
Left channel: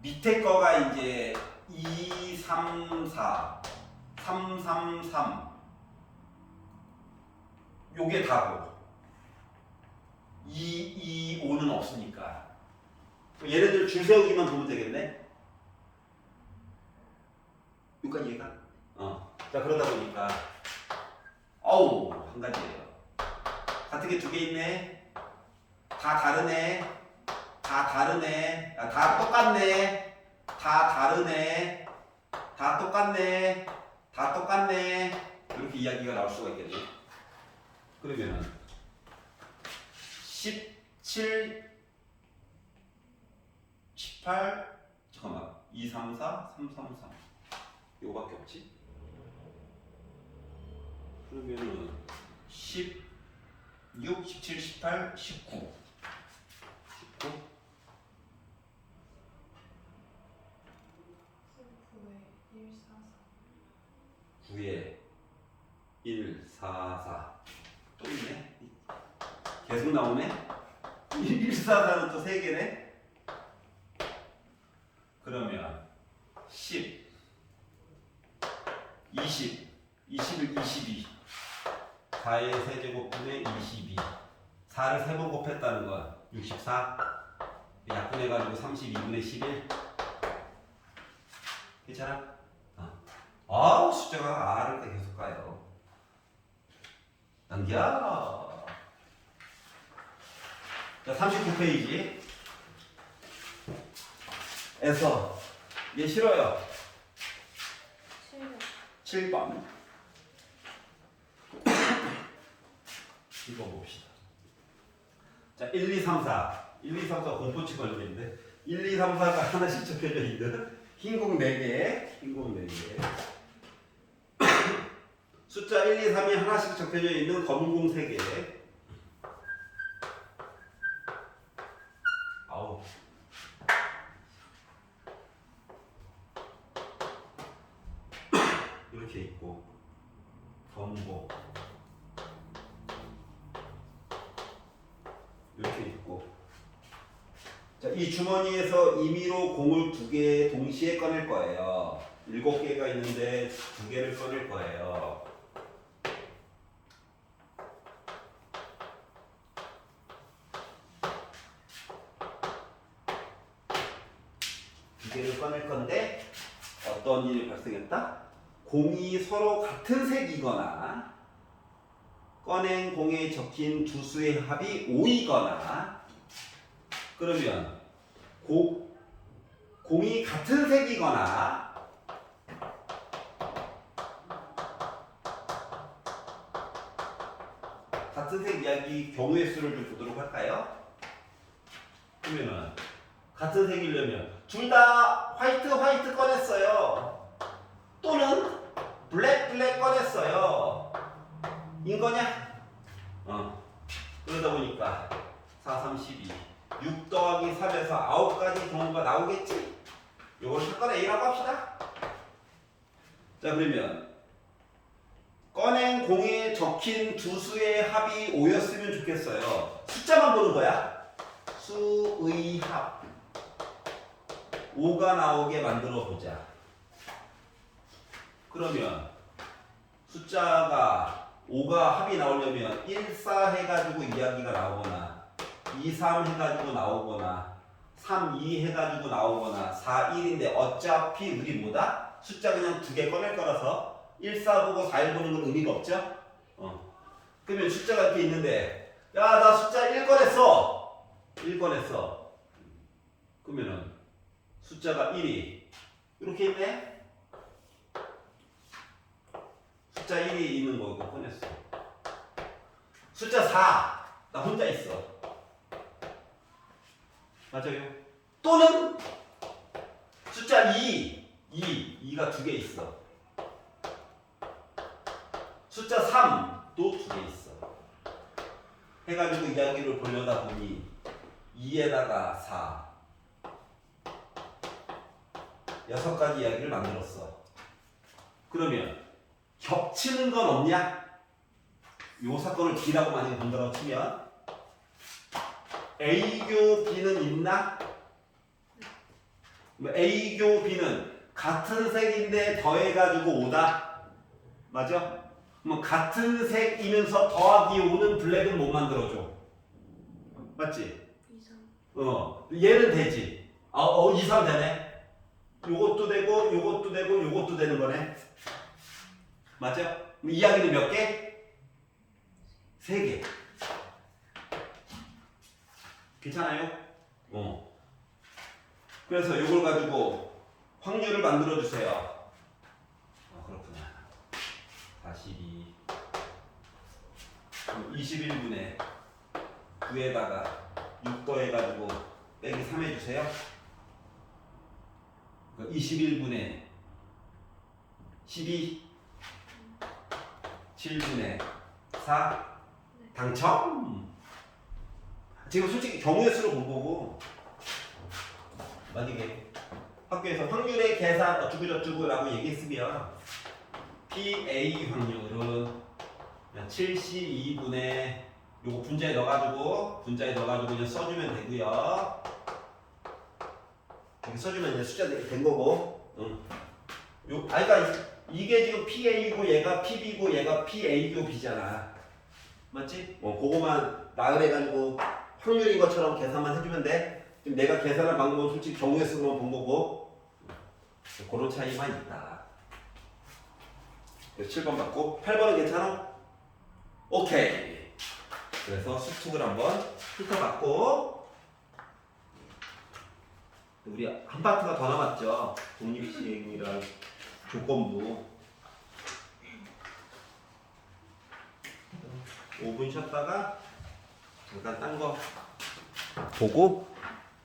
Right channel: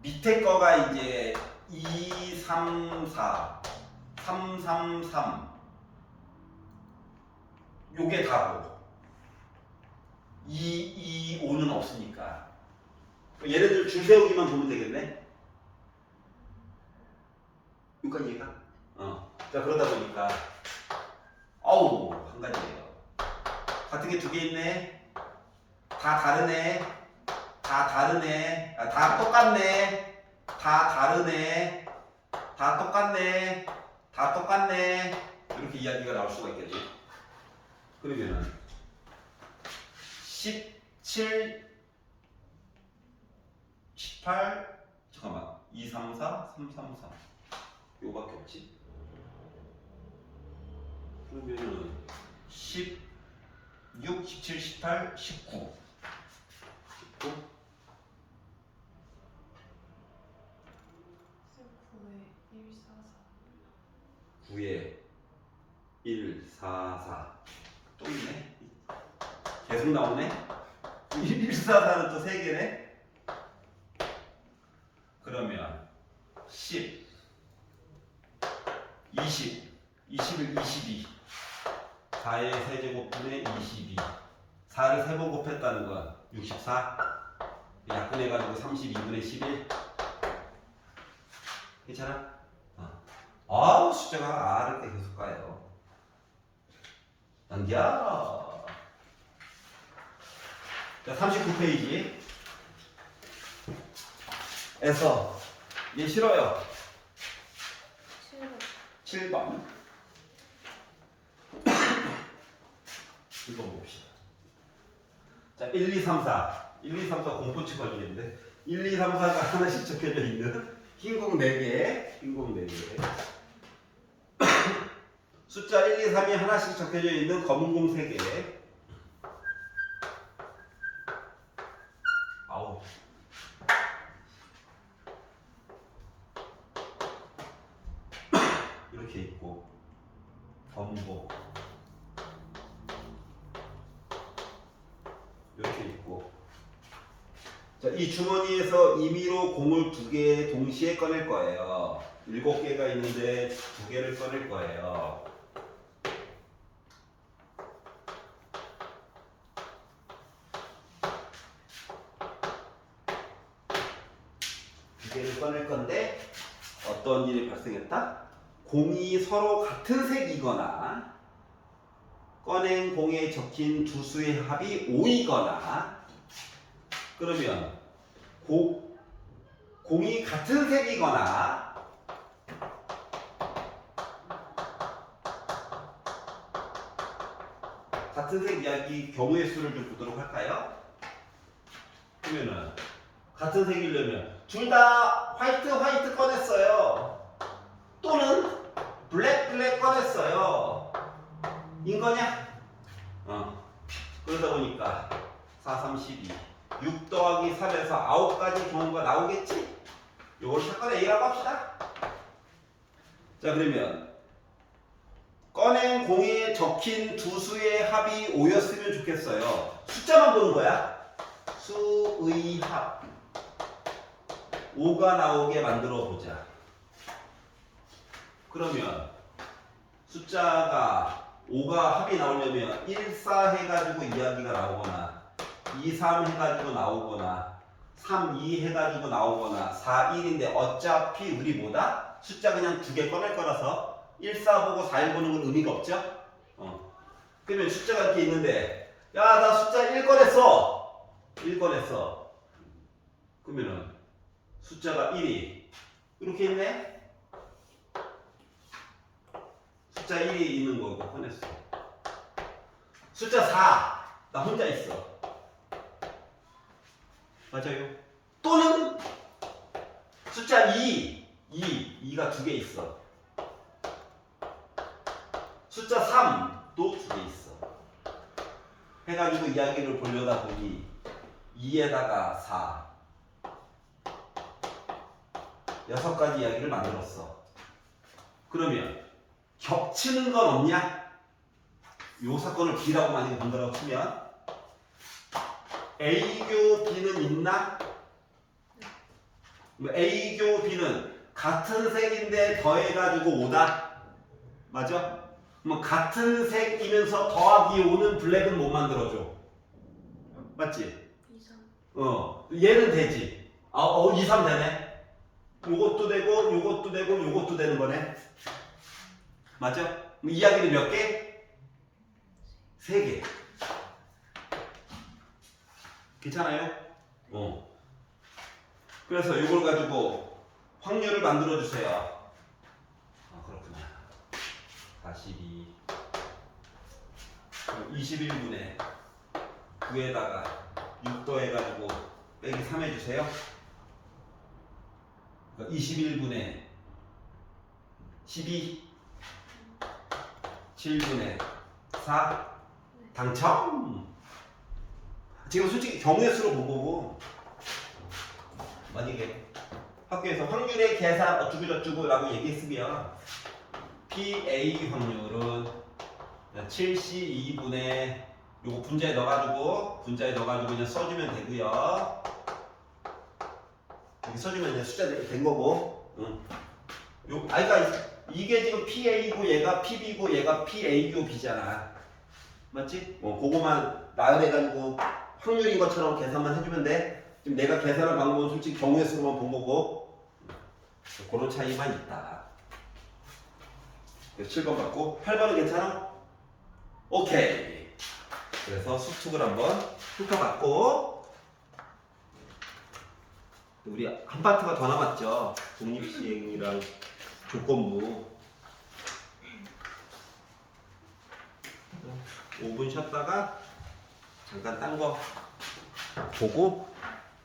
밑에 거가 이제 2, 3, 4 3, 3, 3 요게 다고 2, 2, 5는 없으니까 얘네들 줄 세우기만 보면 되겠네. 여기까지 얘가? 자 그러다 보니까 어우 한 가지예요. 같은 게 두 개 있네. 다 다르네. 다 똑같네. 다 다르네. 다 똑같네. 이렇게 이야기가 나올 수가 있겠지. 그러면은 17 18 잠깐만 2, 3, 4 3, 3, 3 요거밖에 없지. 그러면은 16, 17, 18, 19 9에 1, 4, 4 또 있네. 계속 나오네. 1, 4, 4는 또 3개네. 그러면 10 20 20을 22 4의 세제곱분의 22 4를 3번 곱했다는 건 64 약분해가지고 32분의 11 괜찮아? 숫자가 R을 때 계속 가요. 넘겨. 자 39페이지 에서 얘 싫어요. 7번 7번 봅시다. 자 1, 2, 3, 4 1, 2, 3, 4 공포치 걸리는데 1, 2, 3, 4가 하나씩 적혀져 있는 흰공 4개 숫자 1, 2, 3이 하나씩 적혀져 있는 검은 공 3개. 아우 이렇게 있고 검복 이렇게 있고 자, 이 주머니에서 임의로 공을 2개 동시에 꺼낼 거예요. 7개가 있는데 2개를 꺼낼 거예요. 두 개를 꺼낼 건데 어떤 일이 발생했다? 공이 서로 같은 색이거나 꺼낸 공에 적힌 두 수의 합이 5이거나 그러면 공이 같은 색이거나 같은 색 이야기 경우의 수를 좀 보도록 할까요? 그러면은 같은 색이려면 둘 다 화이트 꺼냈어요. 또는 블랙 꺼냈어요. 인 거냐? 그러다 보니까 4, 3, 12 6 더하기 3에서 9가지 경우가 나오겠지? 요걸 사건 A라고 합시다. 자, 그러면 꺼낸 공에 적힌 두 수의 합이 5였으면 좋겠어요. 숫자만 보는 거야. 수의 합 5가 나오게 만들어 보자. 그러면 숫자가 5가 합이 나오려면 1, 4 해가지고 이야기가 나오거나 2, 3 해가지고 나오거나 3, 2 해가지고 나오거나 4, 1인데 어차피 우리 뭐다? 숫자 그냥 2개 꺼낼 거라서 1, 4 보고 4, 1 보는 건 의미가 없죠? 그러면 숫자가 이렇게 있는데 야, 나 숫자 1 꺼냈어. 1 꺼냈어. 그러면은 숫자가 1이 이렇게 있네? 숫자 1이 있는 거 이거 꺼냈어. 숫자 4, 나 혼자 있어. 맞아요? 또는 숫자 2가 2개 있어. 숫자 3, 또 2개 있어. 해가지고 이야기를 보려다 보니 2에다가 4 6가지 이야기를 만들었어. 그러면 겹치는 건 없냐? 요 사건을 B라고 만약에 본다고 치면 A교 B는 있나? A교 B는 같은 색인데 더해가지고 5다? 맞아? 그럼 같은 색이면서 더하기 5는 블랙은 못 만들어줘. 맞지? 2, 3. 얘는 되지. 2, 3 되네. 요것도 되고 요것도 되고 요것도 되는 거네. 맞아? 그럼 이야기는 몇 개? 3개. 괜찮아요? 그래서 요걸 가지고 확률을 만들어 주세요. 그렇구나. 42 21분의 9에다가 6 더해가지고 빼기 3 해주세요. 21분의 12 7분의 4 당첨. 지금 솔직히 경우의 수로 못 보고 만약에 학교에서 확률의 계산 어쩌고저쩌고라고 얘기했으면 PA 확률은 72분의 요거 분자에 넣어가지고 그냥 써주면 되고요. 이렇게 써주면 이제 숫자 된 거고. 그러니까 이게 지금 PA고 얘가 PB고 얘가 PA고 B잖아. 맞지? 그거만 나열해가지고 확률인 것처럼 계산만 해주면 돼. 지금 내가 계산한 방법은 솔직히 경우의 수로만 본 거고 그런 차이만 있다. 7번 맞고 8번은 괜찮아? 오케이. 그래서 수특을 한번 훑어봤고 우리 한 파트가 더 남았죠. 독립시행이랑 조건부. 5분 쉬었다가 잠깐 딴 거 보고